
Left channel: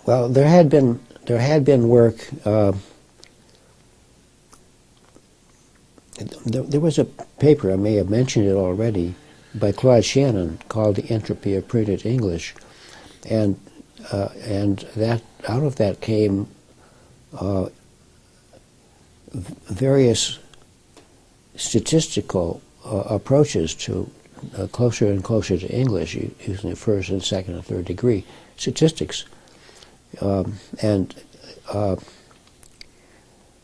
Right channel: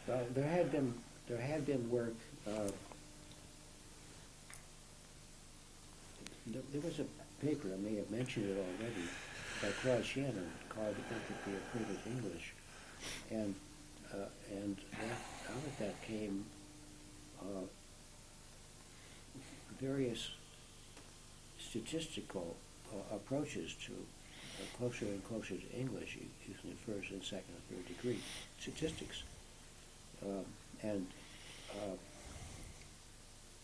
Well, there had been work. There was a paper, I may have mentioned it already, by Claude Shannon called The Entropy of Printed English, and that out of that came various statistical approaches to closer and closer to English, using the first and second and third degree statistics,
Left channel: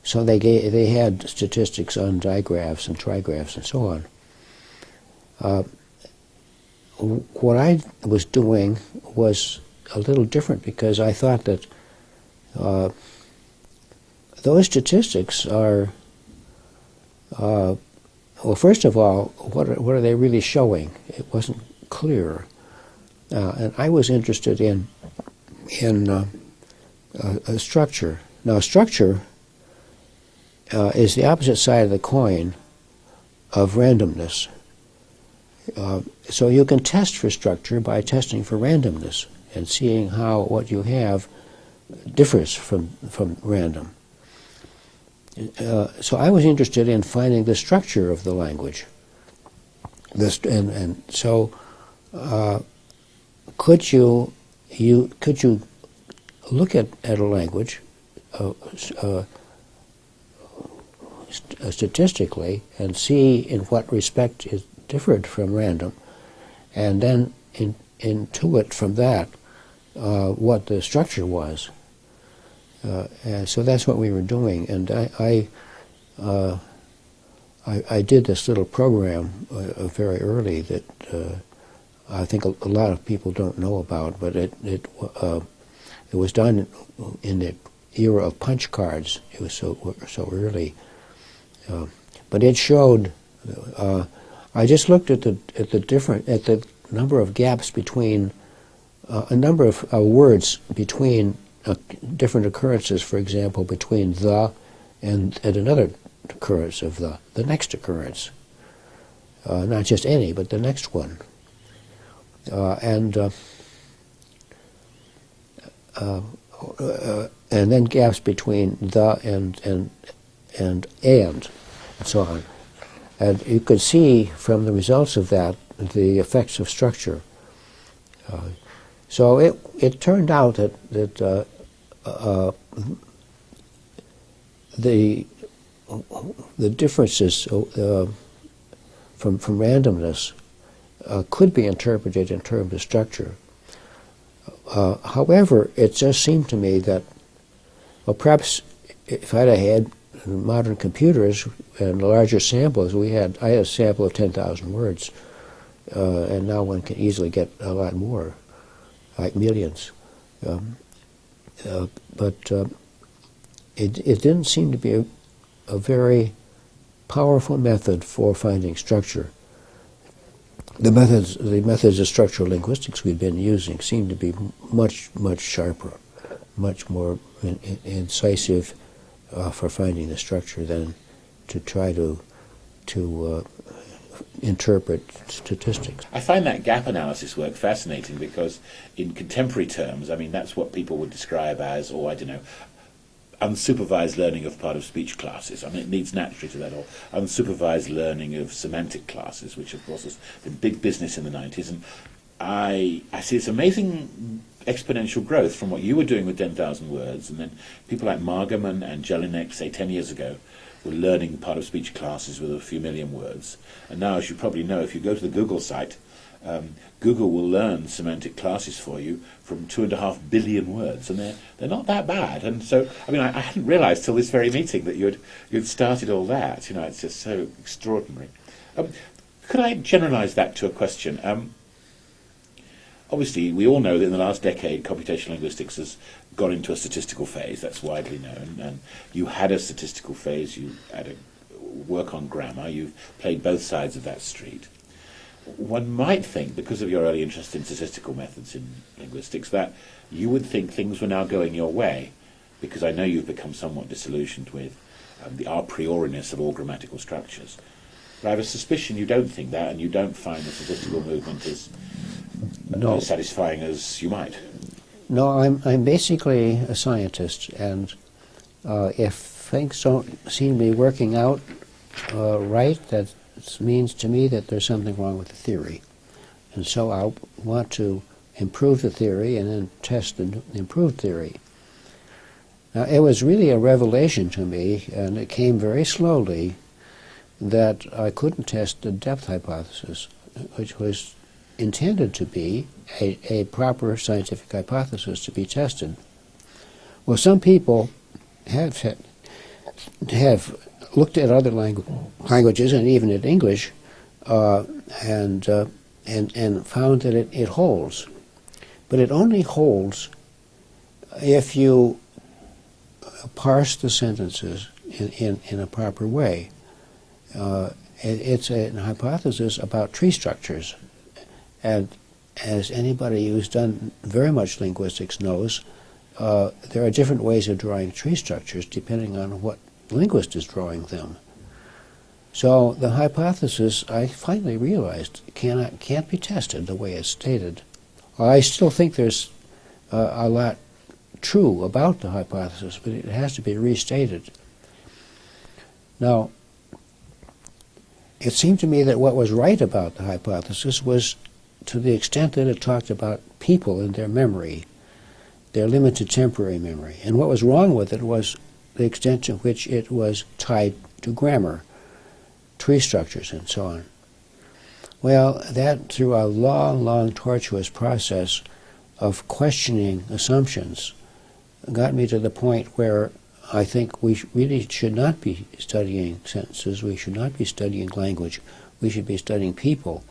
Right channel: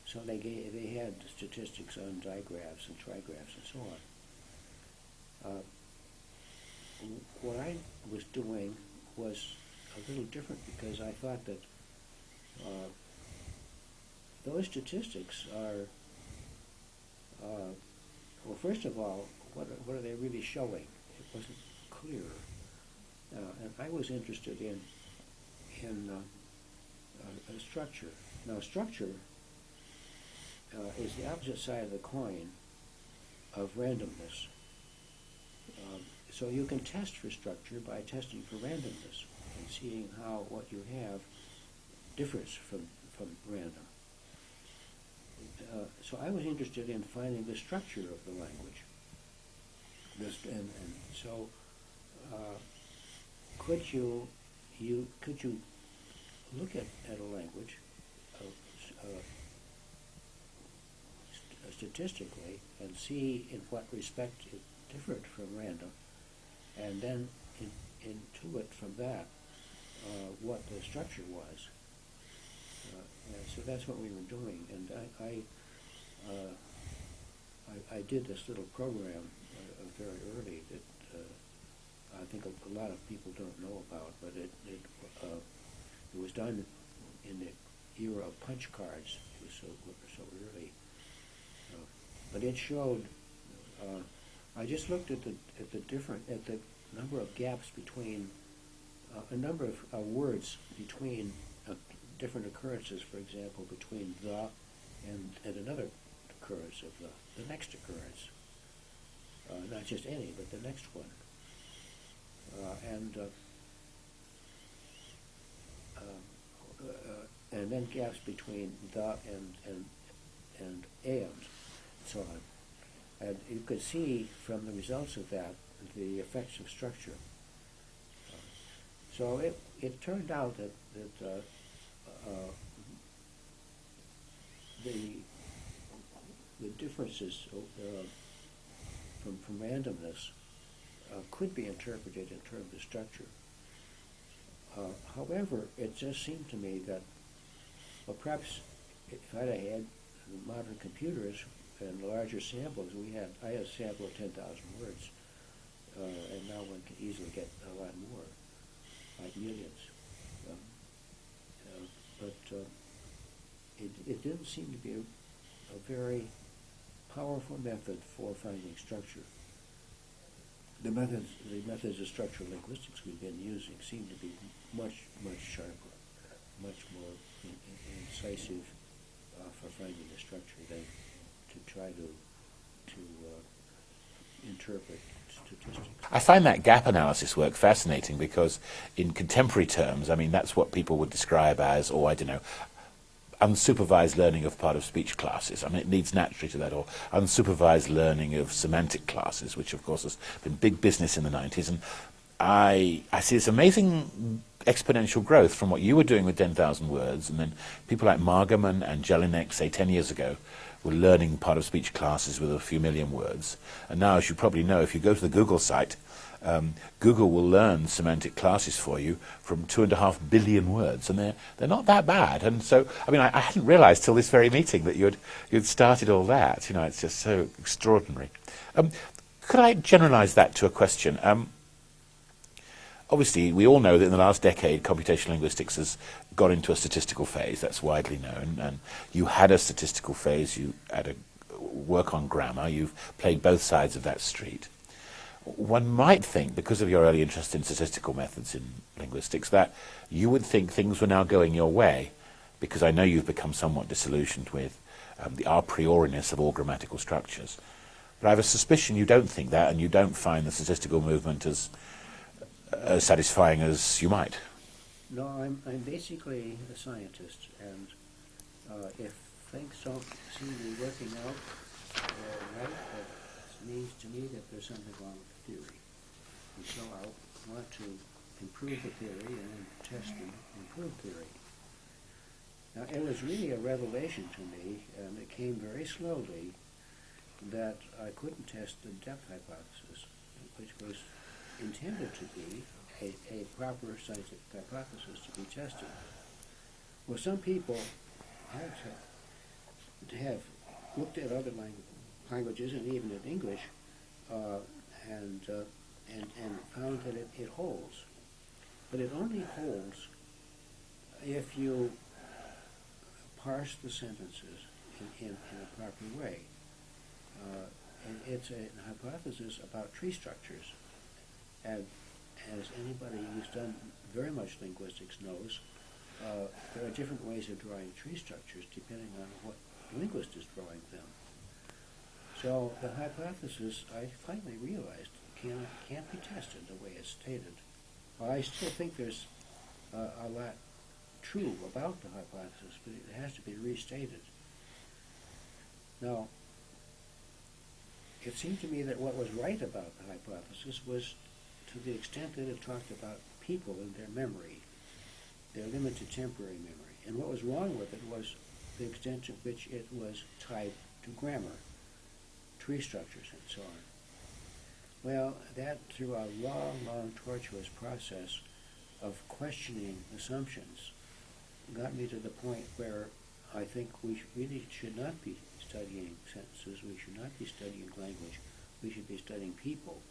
so they had statistics on digraphs and trigraphs and so on. What I was doing was a little different, because I thought that those statistics are, well, first of all, what are they really showing? It wasn't clear, and I was interested in a structure. Now, structure is the opposite side of the coin of randomness. So you can test for structure by testing for randomness and seeing how what you have differs from random. So I was interested in finding the structure of the language. And so could you look at a language statistically and see in what respect it differed from random, and then intuit from that what the structure was. So that's what we were doing, and I did this little program very early that I think a lot of people don't know about, but it was done in the era of punch cards. It was so early, but it showed. I just looked at the number of gaps between a number of words between different occurrences. For example, between the and another occurrence of the next occurrence. Not just any, but the next one. And then gaps between the and so on. And you could see from the results of that the effects of structure. So it turned out that the differences from randomness could be interpreted in terms of structure. However, it just seemed to me that, well, perhaps if I'd have had modern computers and larger samples, I had a sample of 10,000 words, and now one can easily get a lot more, like millions. But it didn't seem to be a very powerful method for finding structure. The methods of structural linguistics we've been using seem to be much sharper, much more incisive for finding the structure than to try to interpret statistics. I find that gap analysis work fascinating because in contemporary terms, I mean, that's what people would describe as, or I don't know, unsupervised learning of part of speech classes. I mean, it leads naturally to that, or unsupervised learning of semantic classes, which of course has been big business in the 90s. And I see this amazing exponential growth from what you were doing with 10,000 words, and then people like Margaman and Jelinek, say 10 years ago, were learning part of speech classes with a few million words. And now, as you probably know, if you go to the Google site, Google will learn semantic classes for you from 2.5 billion words, and they're not that bad. And so, I mean, I hadn't realised till this very meeting that you'd started all that. You know, it's just so extraordinary. Could I generalise that to a question? obviously, we all know that in the last decade, computational linguistics has gone into a statistical phase. That's widely known. And you had a statistical phase. You had a work on grammar. You've played both sides of that street. One might think, because of your early interest in statistical methods in linguistics, that you would think things were now going your way, because I know you've become somewhat disillusioned with the a prioriness of all grammatical structures. But I have a suspicion you don't think that, and you don't find the statistical movement as satisfying as you might. No, I'm basically a scientist, and if things don't seem to be working out right, that means to me that there's something wrong with the theory. And so I want to improve the theory and then test the improved theory. Now, it was really a revelation to me, and it came very slowly, that I couldn't test the depth hypothesis, which was intended to be a proper scientific hypothesis to be tested. Well, some people have looked at other languages and even at English and found that it holds. But it only holds if you parse the sentences in a proper way. It's a hypothesis about tree structures. And as anybody who's done very much linguistics knows, there are different ways of drawing tree structures depending on what linguist is drawing them. So the hypothesis, I finally realized, can't be tested the way it's stated. I still think there's a lot true about the hypothesis, but it has to be restated. Now, it seemed to me that what was right about the hypothesis was to the extent that it talked about people and their memory, their limited temporary memory. And what was wrong with it was the extent to which it was tied to grammar, tree structures, and so on. Well, that through a long, long, tortuous process of questioning assumptions got me to the point where I think we really should not be studying sentences, we should not be studying language, we should be studying people.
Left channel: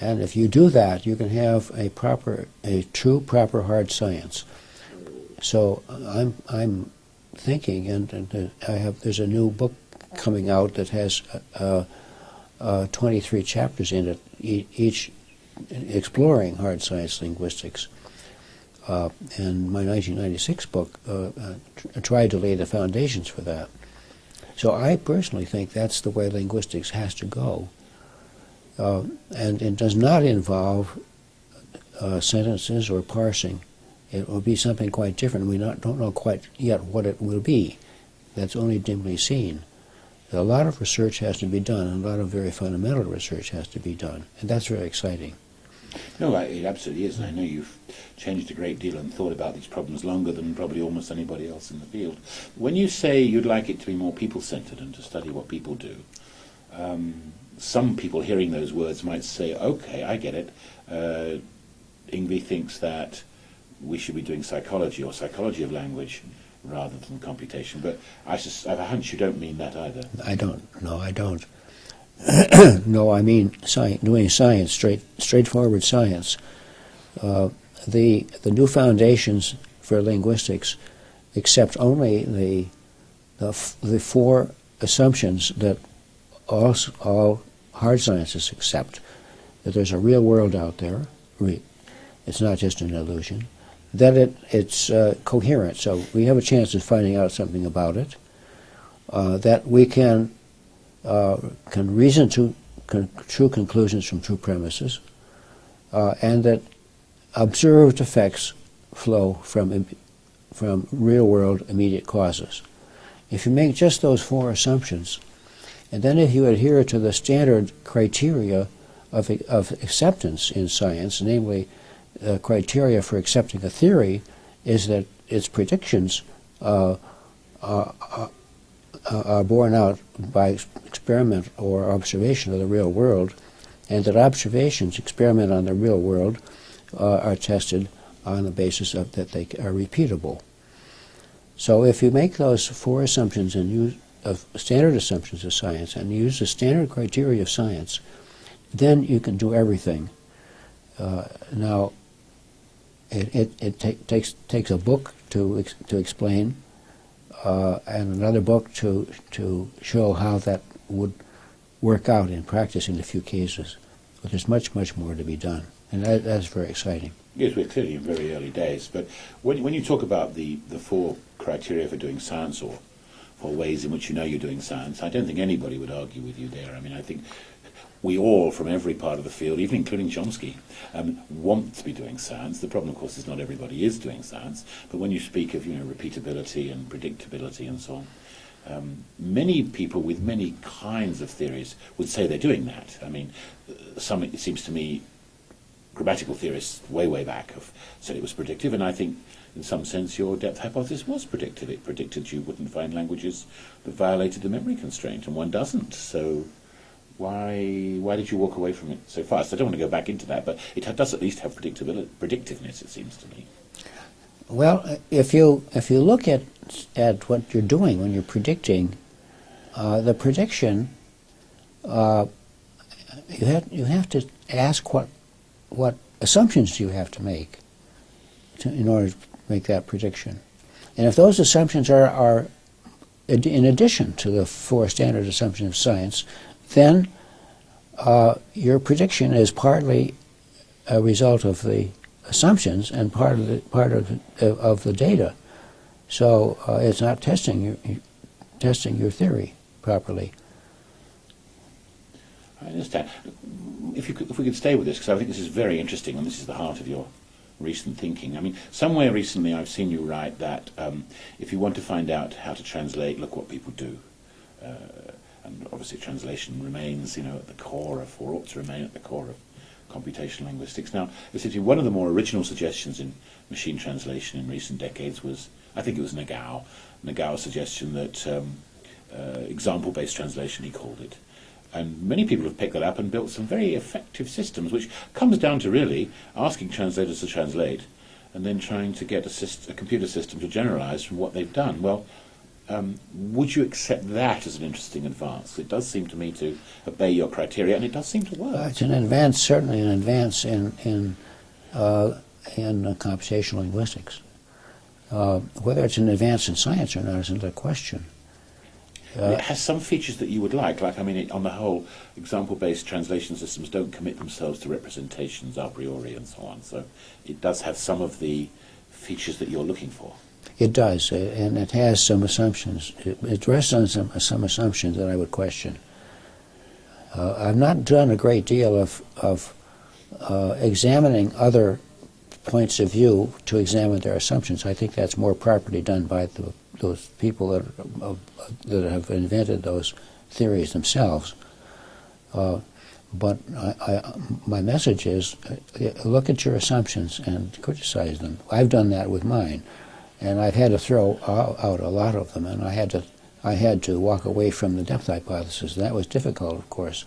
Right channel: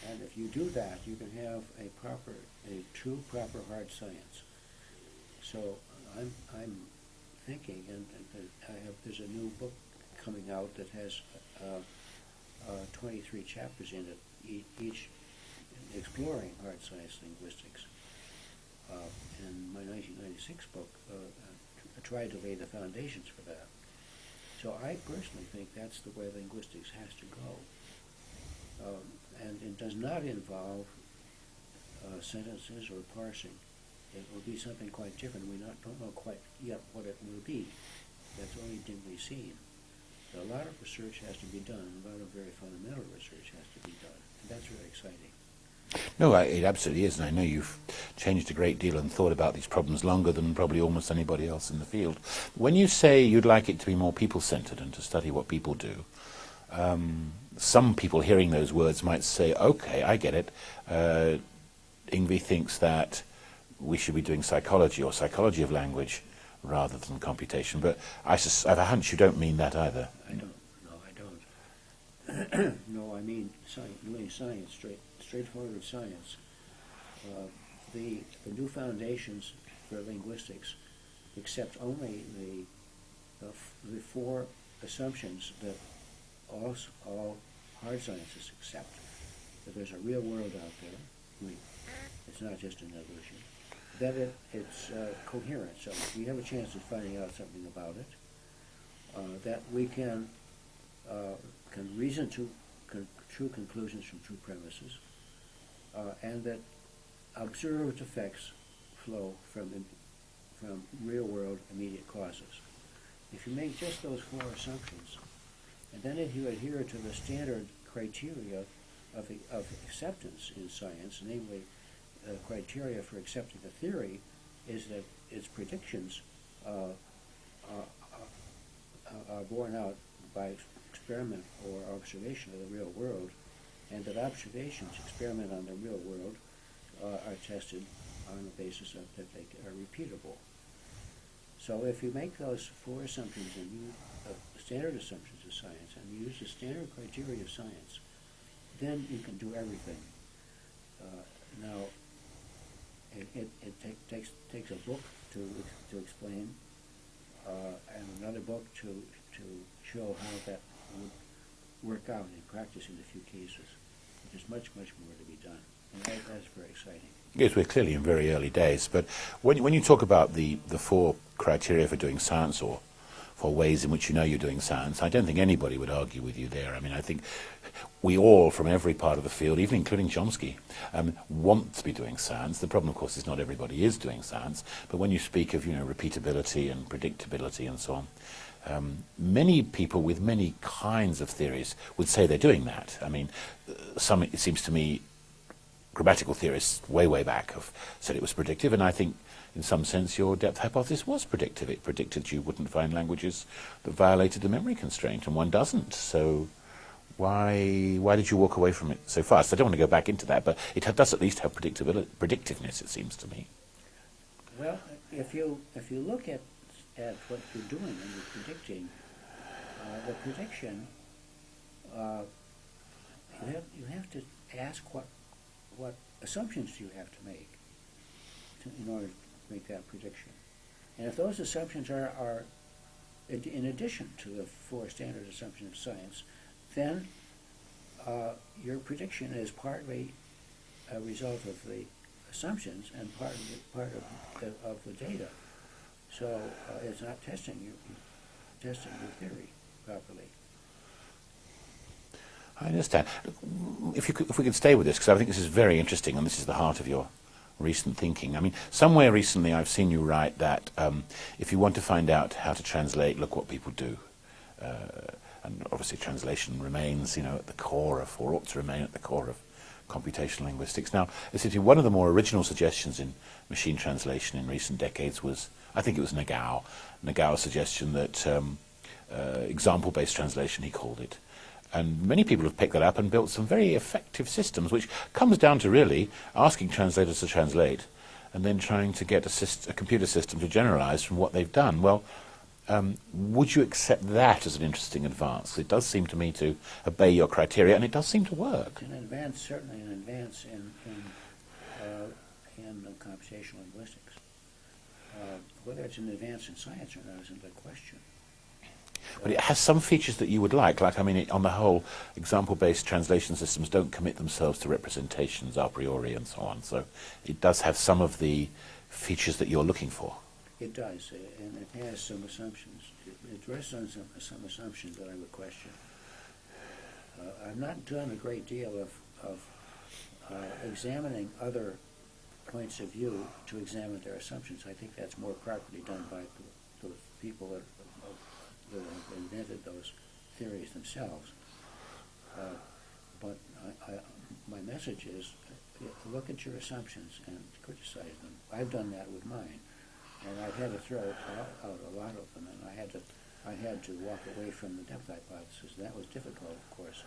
And if you do that, you can have a true, proper hard science. So I'm thinking, and there's a new book coming out that has 23 chapters in it, each exploring hard science linguistics. And my 1996 book tried to lay the foundations for that. So I personally think that's the way linguistics has to go. And it does not involve sentences or parsing. It will be something quite different. We don't know quite yet what it will be. That's only dimly seen. A lot of research has to be done, and a lot of very fundamental research has to be done, and that's very exciting. No, it absolutely is, and I know you've changed a great deal and thought about these problems longer than probably almost anybody else in the field. When you say you'd like it to be more people-centered and to study what people do, some people hearing those words might say, okay, I get it. Yngve thinks that we should be doing psychology or psychology of language rather than computation, but I have a hunch you don't mean that either. I don't. No, I don't. No, I mean doing science, straightforward science. The new foundations for linguistics accept only the four assumptions that all hard sciences accept: that there's a real world out there. It's not just an illusion. That it's coherent, so we have a chance of finding out something about it. That we can reason to true conclusions from true premises, and that observed effects flow from real-world immediate causes. If you make just those four assumptions, and then if you adhere to the standard criteria of acceptance in science, namely criteria for accepting a theory is that its predictions are borne out by experiment or observation of the real world, and that observations, experiment on the real world, are tested on the basis of that they are repeatable. So if you make those four assumptions and use standard assumptions of science and use the standard criteria of science, then you can do everything. Now, takes a book to explain, and another book to show how that would work out in practice in a few cases. But there's much more to be done, and that's very exciting. Yes, we're clearly in very early days, but when you talk about the four criteria for doing science, or for ways in which you know you're doing science, I don't think anybody would argue with you there. I mean, I think we all, from every part of the field, even including Chomsky, want to be doing science. The problem, of course, is not everybody is doing science, but when you speak of, repeatability and predictability and so on, many people with many kinds of theories would say they're doing that. I mean, some, it seems to me, grammatical theorists way back have said it was predictive, and I think in some sense your depth hypothesis was predictive. It predicted you wouldn't find languages that violated the memory constraint, and one doesn't. So why did you walk away from it so fast? I don't want to go back into that, but it does at least have predictiveness, it seems to me. Well, if you look at what you're doing when you're predicting, the prediction, you have to ask what assumptions do you have to make in order to make that prediction. And if those assumptions are in addition to the four standard assumptions of science, then your prediction is partly a result of the assumptions and part of the data. So it's not testing your theory properly. I understand. If we could stay with this, because I think this is very interesting, and this is the heart of your recent thinking. I mean, somewhere recently I've seen you write that if you want to find out how to translate, look what people do. And obviously translation remains, at the core of, or ought to remain at the core of, computational linguistics. Now, essentially one of the more original suggestions in machine translation in recent decades was, I think it was Nagau's suggestion that example-based translation, he called it. And many people have picked that up and built some very effective systems, which comes down to really asking translators to translate and then trying to get a computer system to generalize from what they've done. Well, would you accept that as an interesting advance? It does seem to me to obey your criteria, and it does seem to work. It's an advance, certainly an advance in computational linguistics. Whether it's an advance in science or not is another question. It has some features that you would like, I mean, on the whole, example-based translation systems don't commit themselves to representations a priori and so on, so it does have some of the features that you're looking for. It does, and it has some assumptions. It rests on some assumptions that I would question. I've not done a great deal of examining other points of view to examine their assumptions. I think that's more properly done by those people that have invented those theories themselves. But my message is, look at your assumptions and criticize them. I've done that with mine, and I've had to throw out a lot of them, and I had to walk away from the depth hypothesis. That was difficult, of course.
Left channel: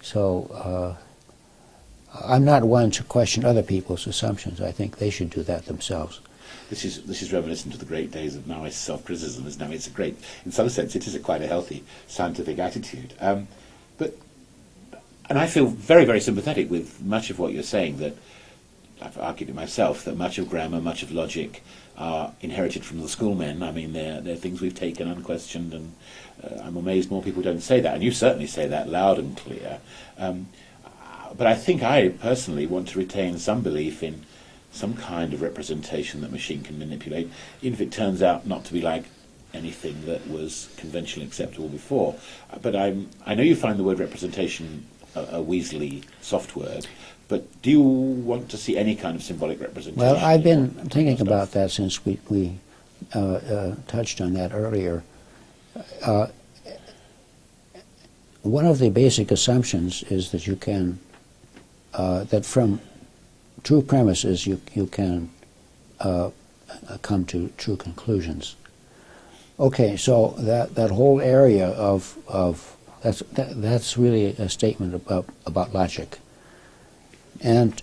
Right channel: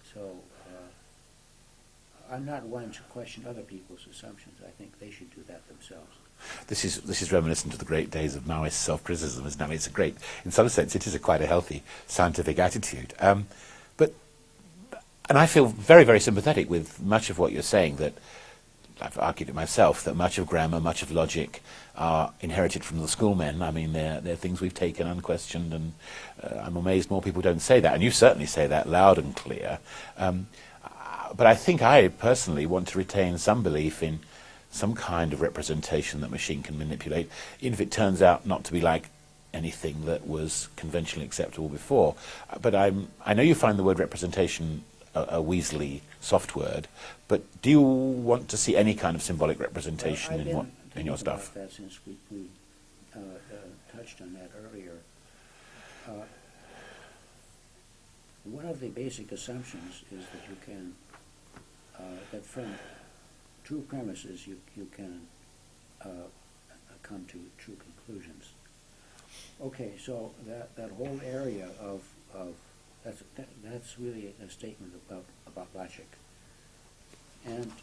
So I'm not one to question other people's assumptions. I think they should do that themselves. This is reminiscent of the great days of Maoist self-criticism. It's a great, in some sense, it is quite a healthy scientific attitude. And I feel very, very sympathetic with much of what you're saying, that I've argued it myself, that much of grammar, much of logic are inherited from the schoolmen. I mean, they're things we've taken unquestioned, and I'm amazed more people don't say that. And you certainly say that loud and clear. But I think I personally want to retain some belief in some kind of representation that machine can manipulate, even if it turns out not to be like anything that was conventionally acceptable before. But I know you find the word representation a weaselly soft word, but do you want to see any kind of symbolic representation? Well, I've been thinking about that since we touched on that earlier. One of the basic assumptions is that you can, that from true premises you can come to true conclusions. Okay, so that whole area of that's really a statement about logic. And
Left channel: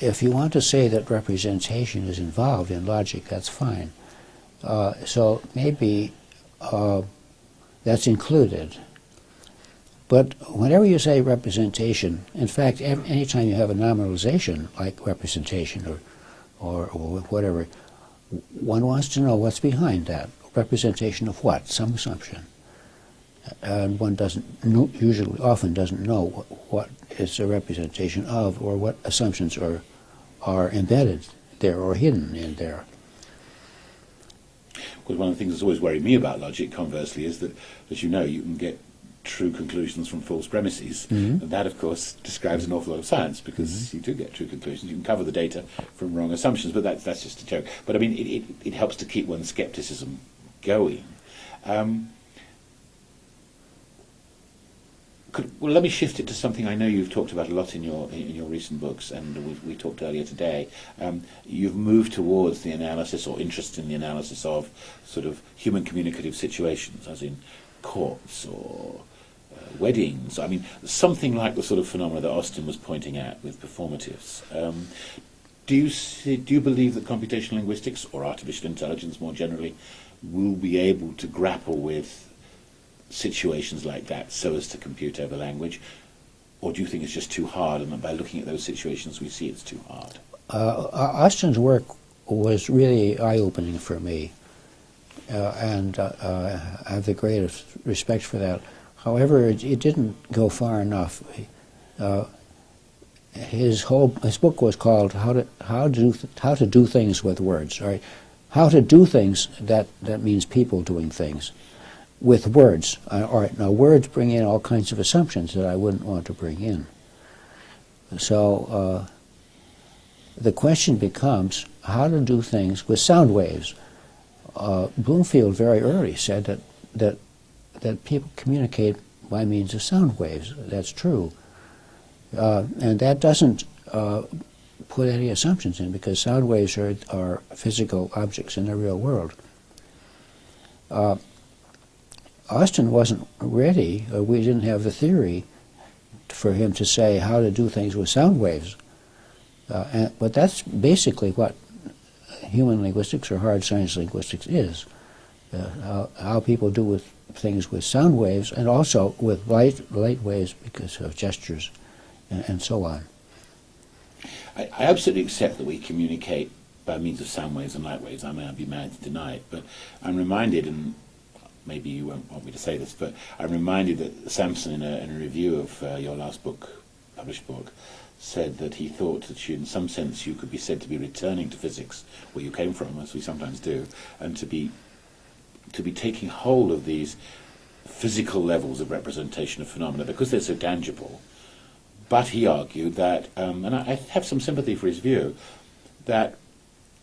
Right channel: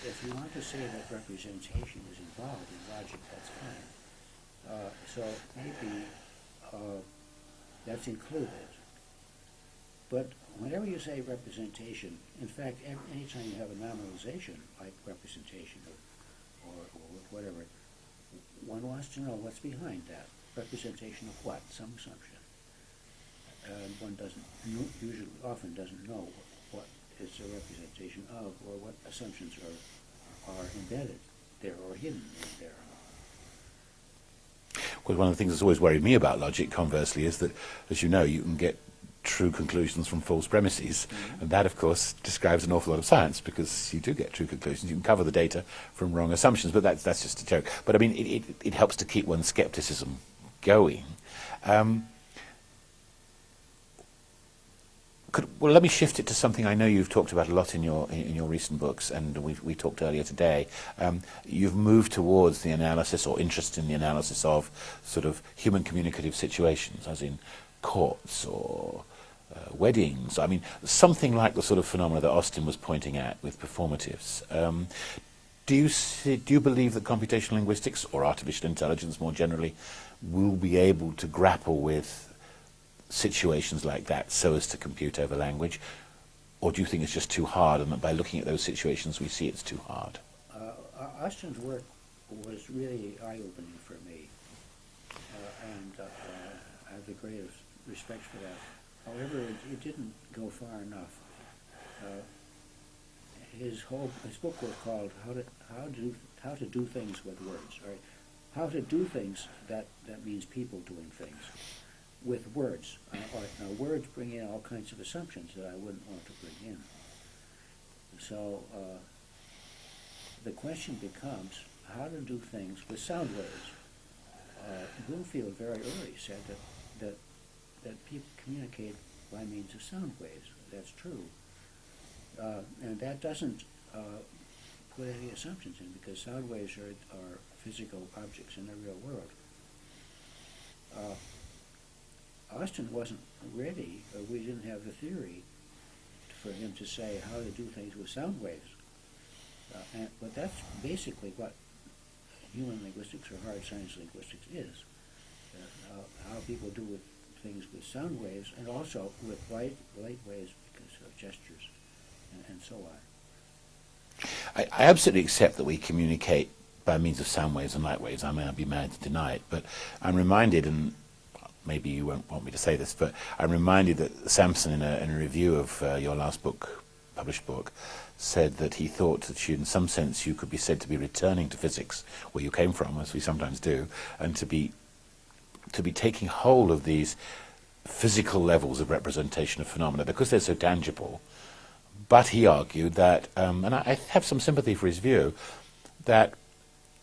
if you want to say that representation is involved in logic, that's fine. So maybe that's included. But whenever you say representation, in fact, anytime you have a nominalization like representation or whatever, one wants to know what's behind that. Representation of what? Some assumption. And one often doesn't know what it's a representation of, or what assumptions are embedded there or hidden in there. Well, one of the things that's always worried me about logic, conversely, is that, as you know, you can get true conclusions from false premises. Mm-hmm. And that, of course, describes an awful lot of science, because you do get true conclusions. You can cover the data from wrong assumptions, but that's just a joke. But I mean, it helps to keep one's skepticism going. Well, let me shift it to something I know you've talked about a lot in your recent books, and we talked earlier today. You've moved towards the analysis, or interest in the analysis of sort of human communicative situations, as in courts or weddings. I mean, something like the sort of phenomena that Austin was pointing at with performatives. Do you believe that computational linguistics, or artificial intelligence more generally, will be able to grapple with situations like that so as to compute over language? Or do you think it's just too hard, and that by looking at those situations we see it's too hard? Austin's work was really eye-opening for me, and I have the greatest respect for that. However, it didn't go far enough. His book was called How to Do Things with Words. Right? How to do things, that means people doing things with words. All right, now words bring in all kinds of assumptions that I wouldn't want to bring in. So the question becomes how to do things with sound waves. Bloomfield very early said that people communicate by means of sound waves. That's true. And that doesn't put any assumptions in, because sound waves are physical objects in the real world. Austin wasn't ready, we didn't have the theory for him to say how to do things with sound waves. But that's basically what human linguistics or hard science linguistics is. How people do with things with sound waves, and also with light waves because of gestures and so on. I absolutely accept that we communicate by means of sound waves and light waves. I may not be mad to deny it, but I'm reminded, and maybe you won't want me to say this, but I'm reminded that Sampson, in a review of your last book, published book, said that he thought that in some sense you could be said to be returning to physics, where you came from, as we sometimes do, and to be taking hold of these physical levels of representation of phenomena, because they're so tangible. But he argued that, and I have some sympathy for his view, that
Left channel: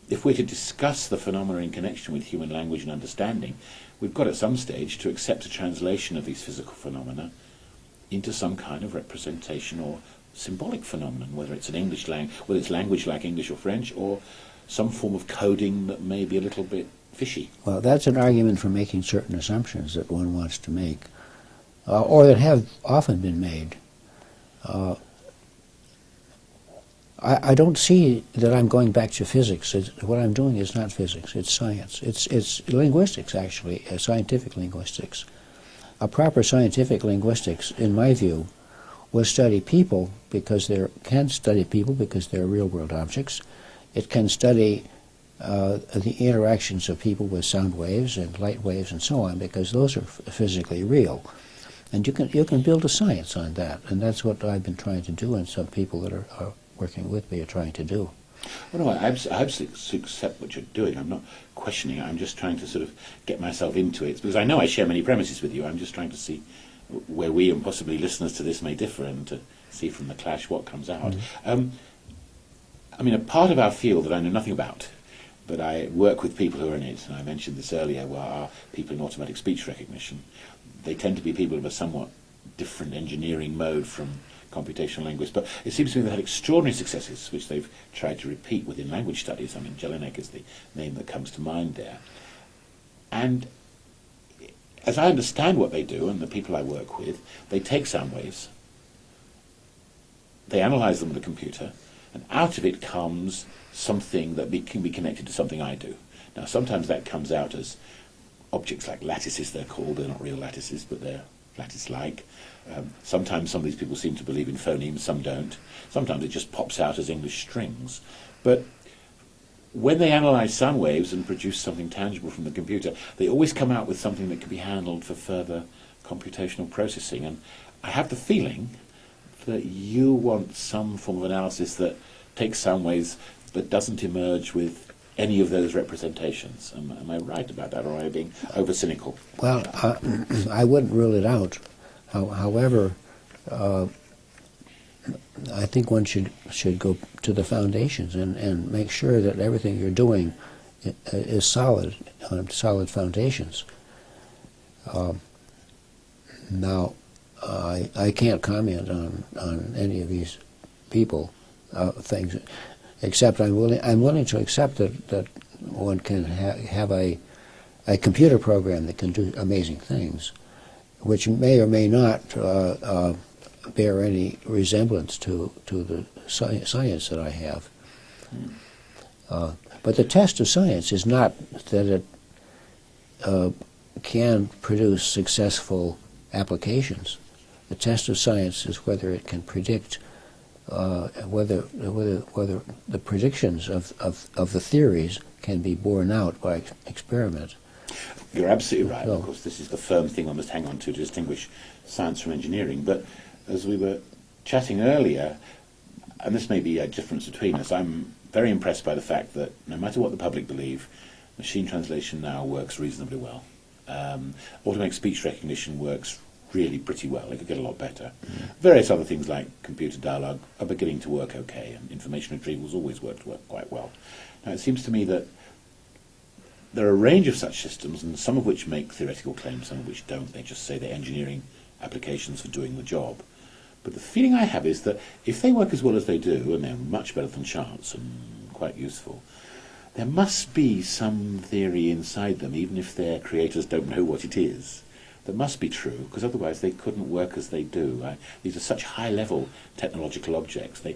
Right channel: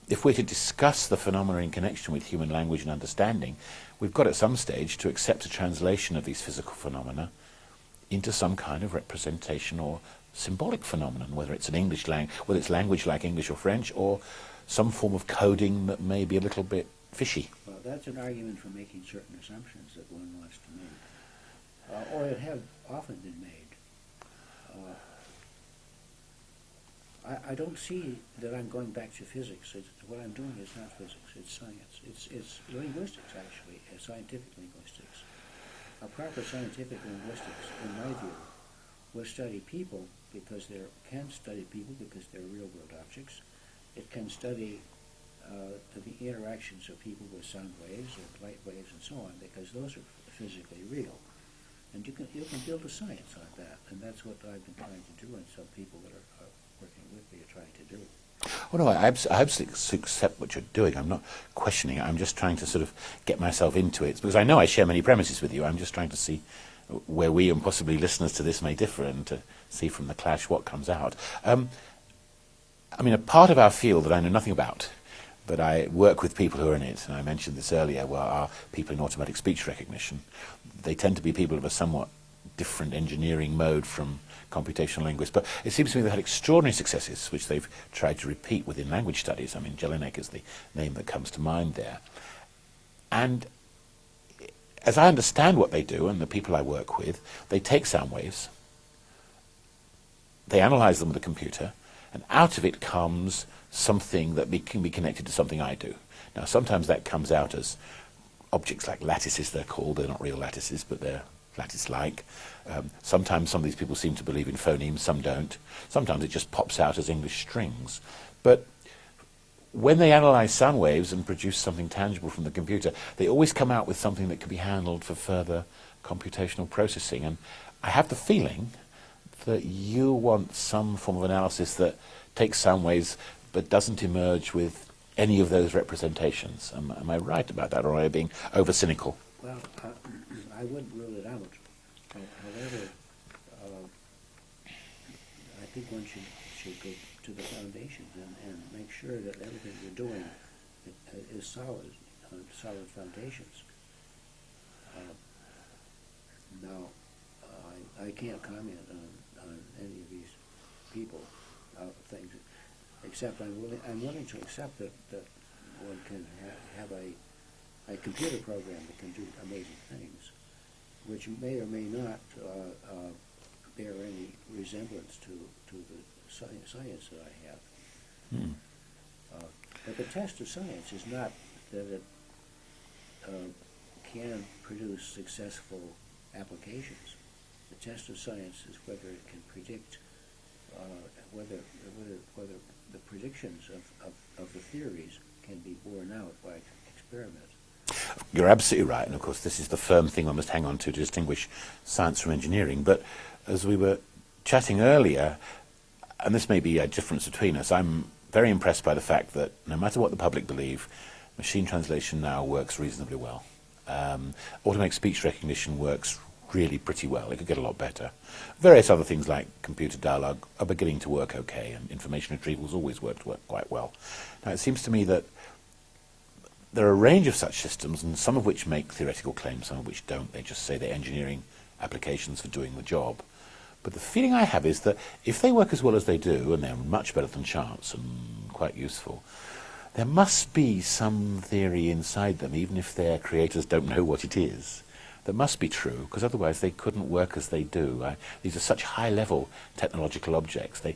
if we're to discuss the phenomena in connection with human language and understanding, we've got at some stage to accept a translation of these physical phenomena into some kind of representation or symbolic phenomenon, whether it's whether it's language like English or French, or some form of coding that may be a little bit fishy. Well, that's an argument for making certain assumptions that one wants to make, or that have often been made. I don't see that I'm going back to physics. What I'm doing is not physics, it's science. It's linguistics, actually, scientific linguistics. A proper scientific linguistics, in my view, will study people because they're real-world objects. It can study the interactions of people with sound waves and light waves and so on, because those are physically real. And you can build a science on that, and that's what I've been trying to do, and some people that are working with me are trying to do. Well, no, I absolutely accept what you're doing. I'm not questioning it. I'm just trying to sort of get myself into it, because I know I share many premises with you. I'm just trying to see where we and possibly listeners to this may differ, and to see from the clash what comes out. Mm-hmm. I mean, a part of our field that I know nothing about, but I work with people who are in it, and I mentioned this earlier, are people in automatic speech recognition. They tend to be people of a somewhat different engineering mode from computational linguists, but it seems to me they've had extraordinary successes, which they've tried to repeat within language studies. I mean, Jelinek is the name that comes to mind there. And as I understand what they do, and the people I work with, they take sound waves, they analyze them with a computer, and out of it comes something that can be connected to something I do. Now, sometimes that comes out as objects like lattices, they're called. They're not real lattices, but they're lattice-like. Sometimes some of these people seem to believe in phonemes, some don't. Sometimes it just pops out as English strings. But when they analyse sound waves and produce something tangible from the computer, they always come out with something that can be handled for further computational processing. And I have the feeling that you want some form of analysis that takes sound waves but doesn't emerge with any of those representations. Am I right about that, or am I being over-cynical? Well, I wouldn't rule it out. However, I think one should go to the foundations and make sure that everything you're doing is solid, on solid foundations. Now, I can't comment on any of these people things, except I'm willing to accept that one can have a computer program that can do amazing things, which may or may not bear any resemblance to the science that I have. But the test of science is not that it can produce successful applications. The test of science is whether it can predict, whether the predictions of the theories can be borne out by experiment. You're absolutely right. Of course, this is the firm thing I must hang on to distinguish science from engineering. But as we were chatting earlier, and this may be a difference between us, I'm very impressed by the fact that no matter what the public believe, machine translation now works reasonably well. Automatic speech recognition works really pretty well. It could get a lot better. Various other things like computer dialogue are beginning to work okay, and information retrieval's always worked quite well. Now, it seems to me that there are a range of such systems, and some of which make theoretical claims, some of which don't. They just say they're engineering applications for doing the job. But the feeling I have is that if they work as well as they do, and they're much better than chance and quite useful, there must be some theory inside them, even if their creators don't know what it is, that must be true, because otherwise they couldn't work as they do. These are such high-level technological objects. They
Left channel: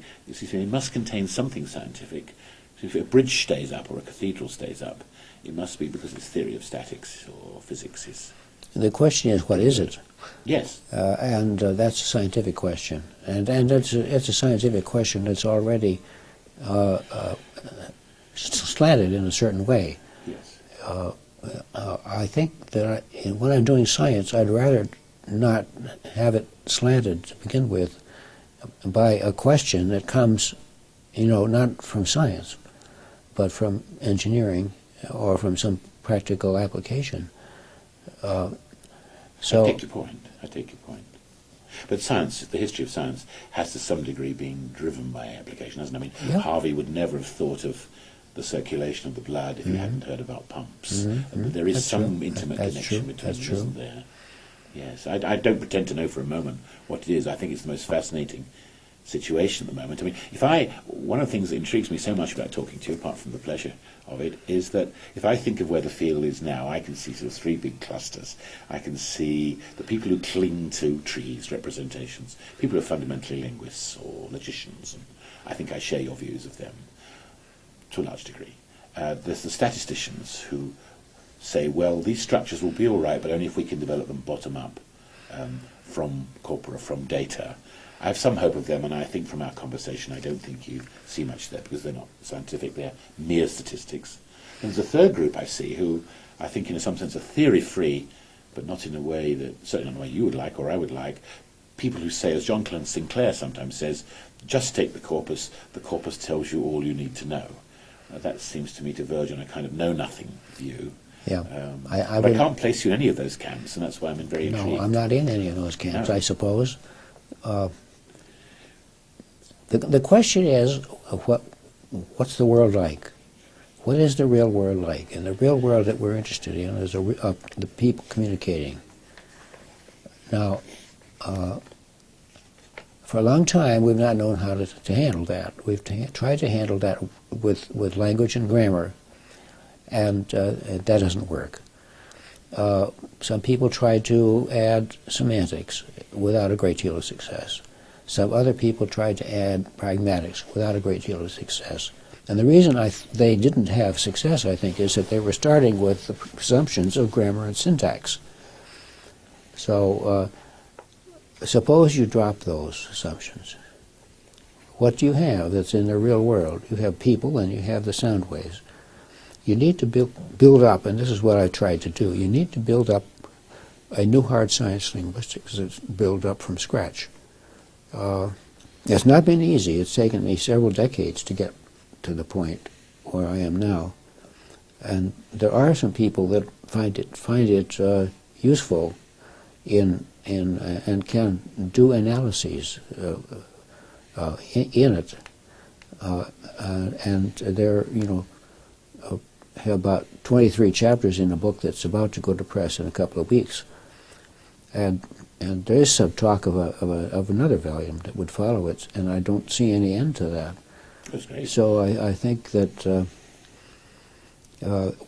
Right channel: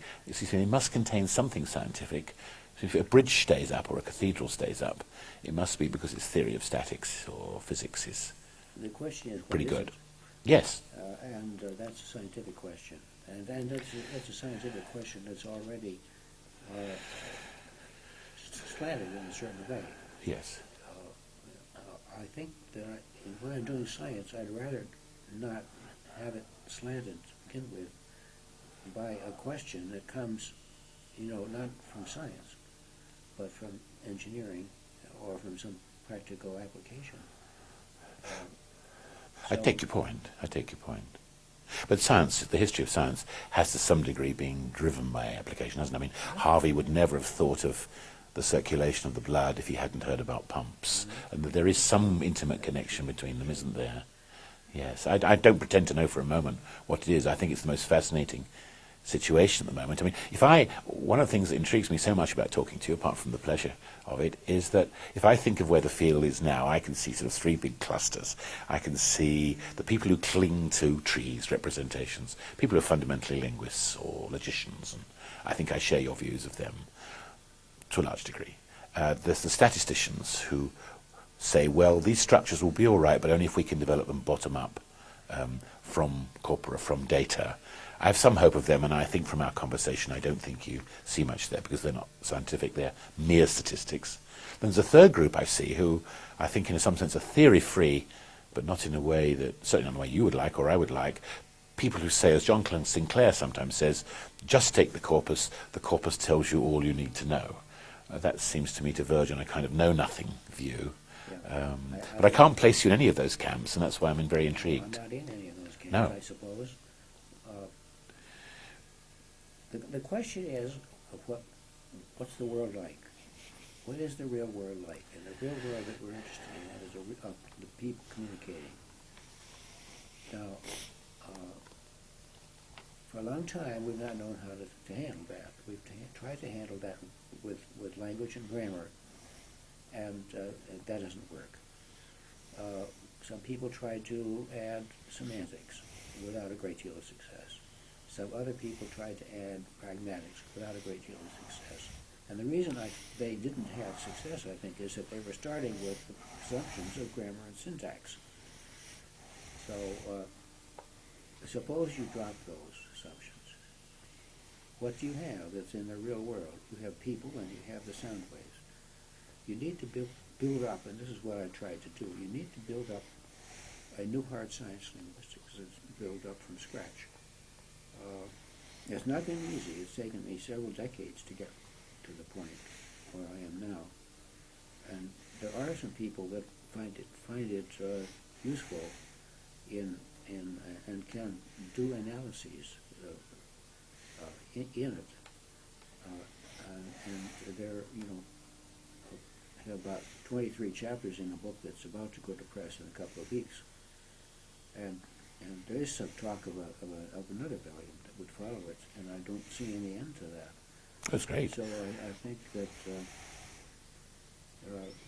must contain something scientific. So if a bridge stays up or a cathedral stays up, it must be because its theory of statics or physics is... The question is, what is it? Yes. And that's a scientific question. And it's a scientific question that's already slanted in a certain way. Yes. I think that when I'm doing science, I'd rather not have it slanted to begin with by a question that comes, not from science, but from engineering or from some practical application. I take your point. But science, the history of science, has to some degree been driven by application, hasn't it? I mean, Harvey would never have thought of the circulation of the blood if he hadn't heard about pumps. And there is some intimate connection between them, isn't there? Yes, I don't pretend to know for a moment what it is. I think it's the most fascinating situation at the moment. I mean, one of the things that intrigues me so much about talking to you, apart from the pleasure of it, is that if I think of where the field is now, I can see sort of three big clusters. I can see the people who cling to trees, representations, people who are fundamentally linguists or logicians, and I think I share your views of them to a large degree. There's the statisticians who say, well, these structures will be all right, but only if we can develop them bottom up from corpora, from data. I have some hope of them, and I think from our conversation I don't think you see much there because they're not scientific, they're mere statistics. And there's a third group I see who I think in some sense are theory-free, but not in a way that, certainly not in a way you would like or I would like, people who say, as John Clance Sinclair sometimes says, just take the corpus tells you all you need to know. That seems to me to verge on a kind of know-nothing view. Yeah. But I can't place you in any of those camps, and that's why I'm very intrigued. No, I'm not in any of those camps, I suppose. The question is, what's the world like? What is the real world like? And the real world that we're interested in is the people communicating. Now, for a long time, we've not known how to handle that. We've tried to handle that with language and grammar, and that doesn't work. Some people try to add semantics without a great deal of success. Some other people tried to add pragmatics without a great deal of success. And the reason they didn't have success, I think, is that they were starting with the presumptions of grammar and syntax. So suppose you drop those assumptions. What do you have that's in the real world? You have people and you have the sound waves. You need to build up, and this is what I tried to do, you need to build up a new hard science linguistics that's built up from scratch. It's not been easy. It's taken me several decades to get to the point where I am now. And there are some people that find it useful and can do analyses in it. And there, have about 23 chapters in a book that's about to go to press in a couple of weeks. And there is some talk of another volume that would follow it, and I don't see any end to that. That's great. So I think that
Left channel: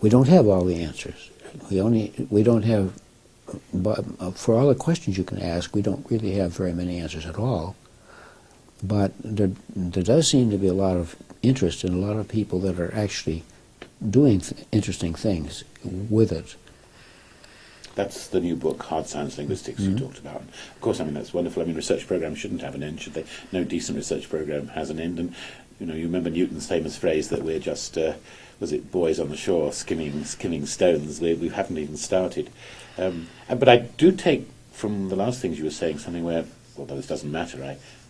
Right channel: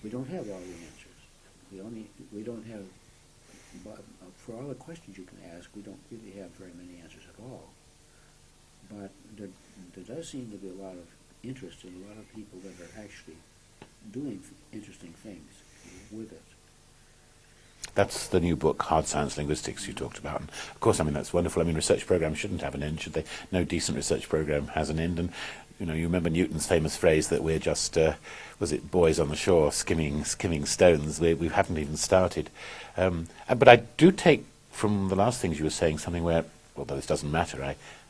we don't have all the answers. We don't have, for all the questions you can ask, we don't really have very many answers at all. But there does seem to be a lot of interest in a lot of people that are actually doing interesting things with it. That's the new book, Hard Science Linguistics, you talked about. And of course, I mean, that's wonderful. I mean, research programs shouldn't have an end, should they? No decent research program has an end. And, you remember Newton's famous phrase that we're just, was it boys on the shore skimming stones? We haven't even started. But I do take from the last things you were saying something where, although this doesn't matter,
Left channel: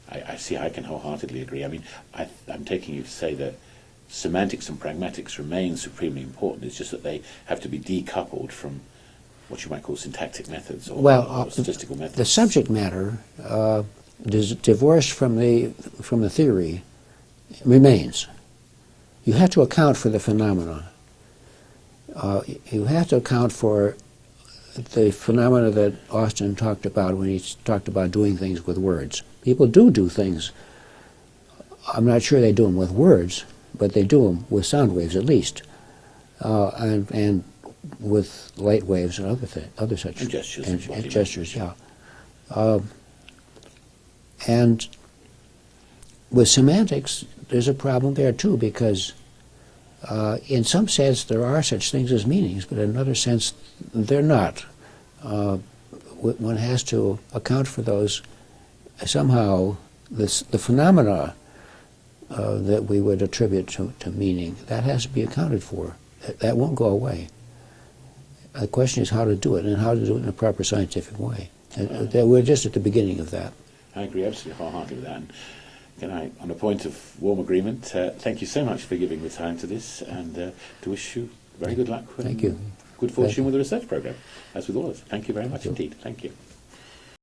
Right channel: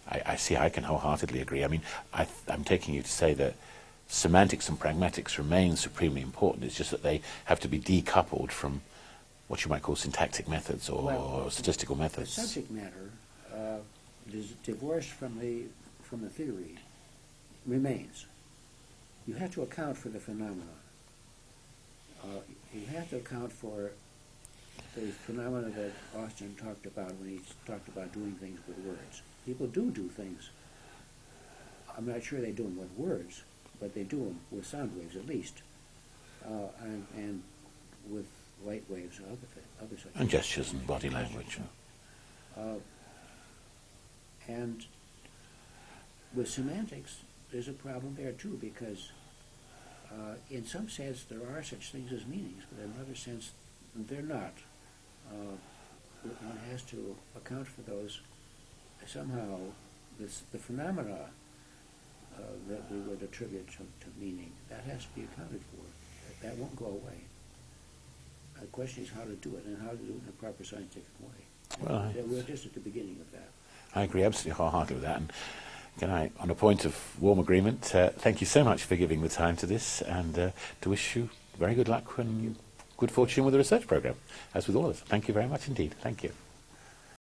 I see I can wholeheartedly agree. I mean, I'm taking you to say that semantics and pragmatics remain supremely important. It's just that they have to be decoupled from what you might call syntactic methods or statistical methods. The subject matter, divorced from the theory, remains. You have to account for the phenomena. You have to account for the phenomena that Austin talked about when he talked about doing things with words. People do things. I'm not sure they do them with words, but they do them with sound waves at least, and with light waves and other such and gestures and gestures. Yeah, and with semantics, there's a problem there too, because in some sense there are such things as meanings, but in another sense they're not. One has to account for those somehow. The phenomena that we would attribute to meaning, that has to be accounted for. That won't go away. The question is how to do it, and how to do it in a proper scientific way. We're just at the beginning of that. I agree absolutely wholeheartedly with that. And can I, on a point of warm agreement, thank you so much for giving the time to this, and to wish you very good luck. Thank you. Good fortune with the research program, as with all of us. Thank you very much indeed. Thank you.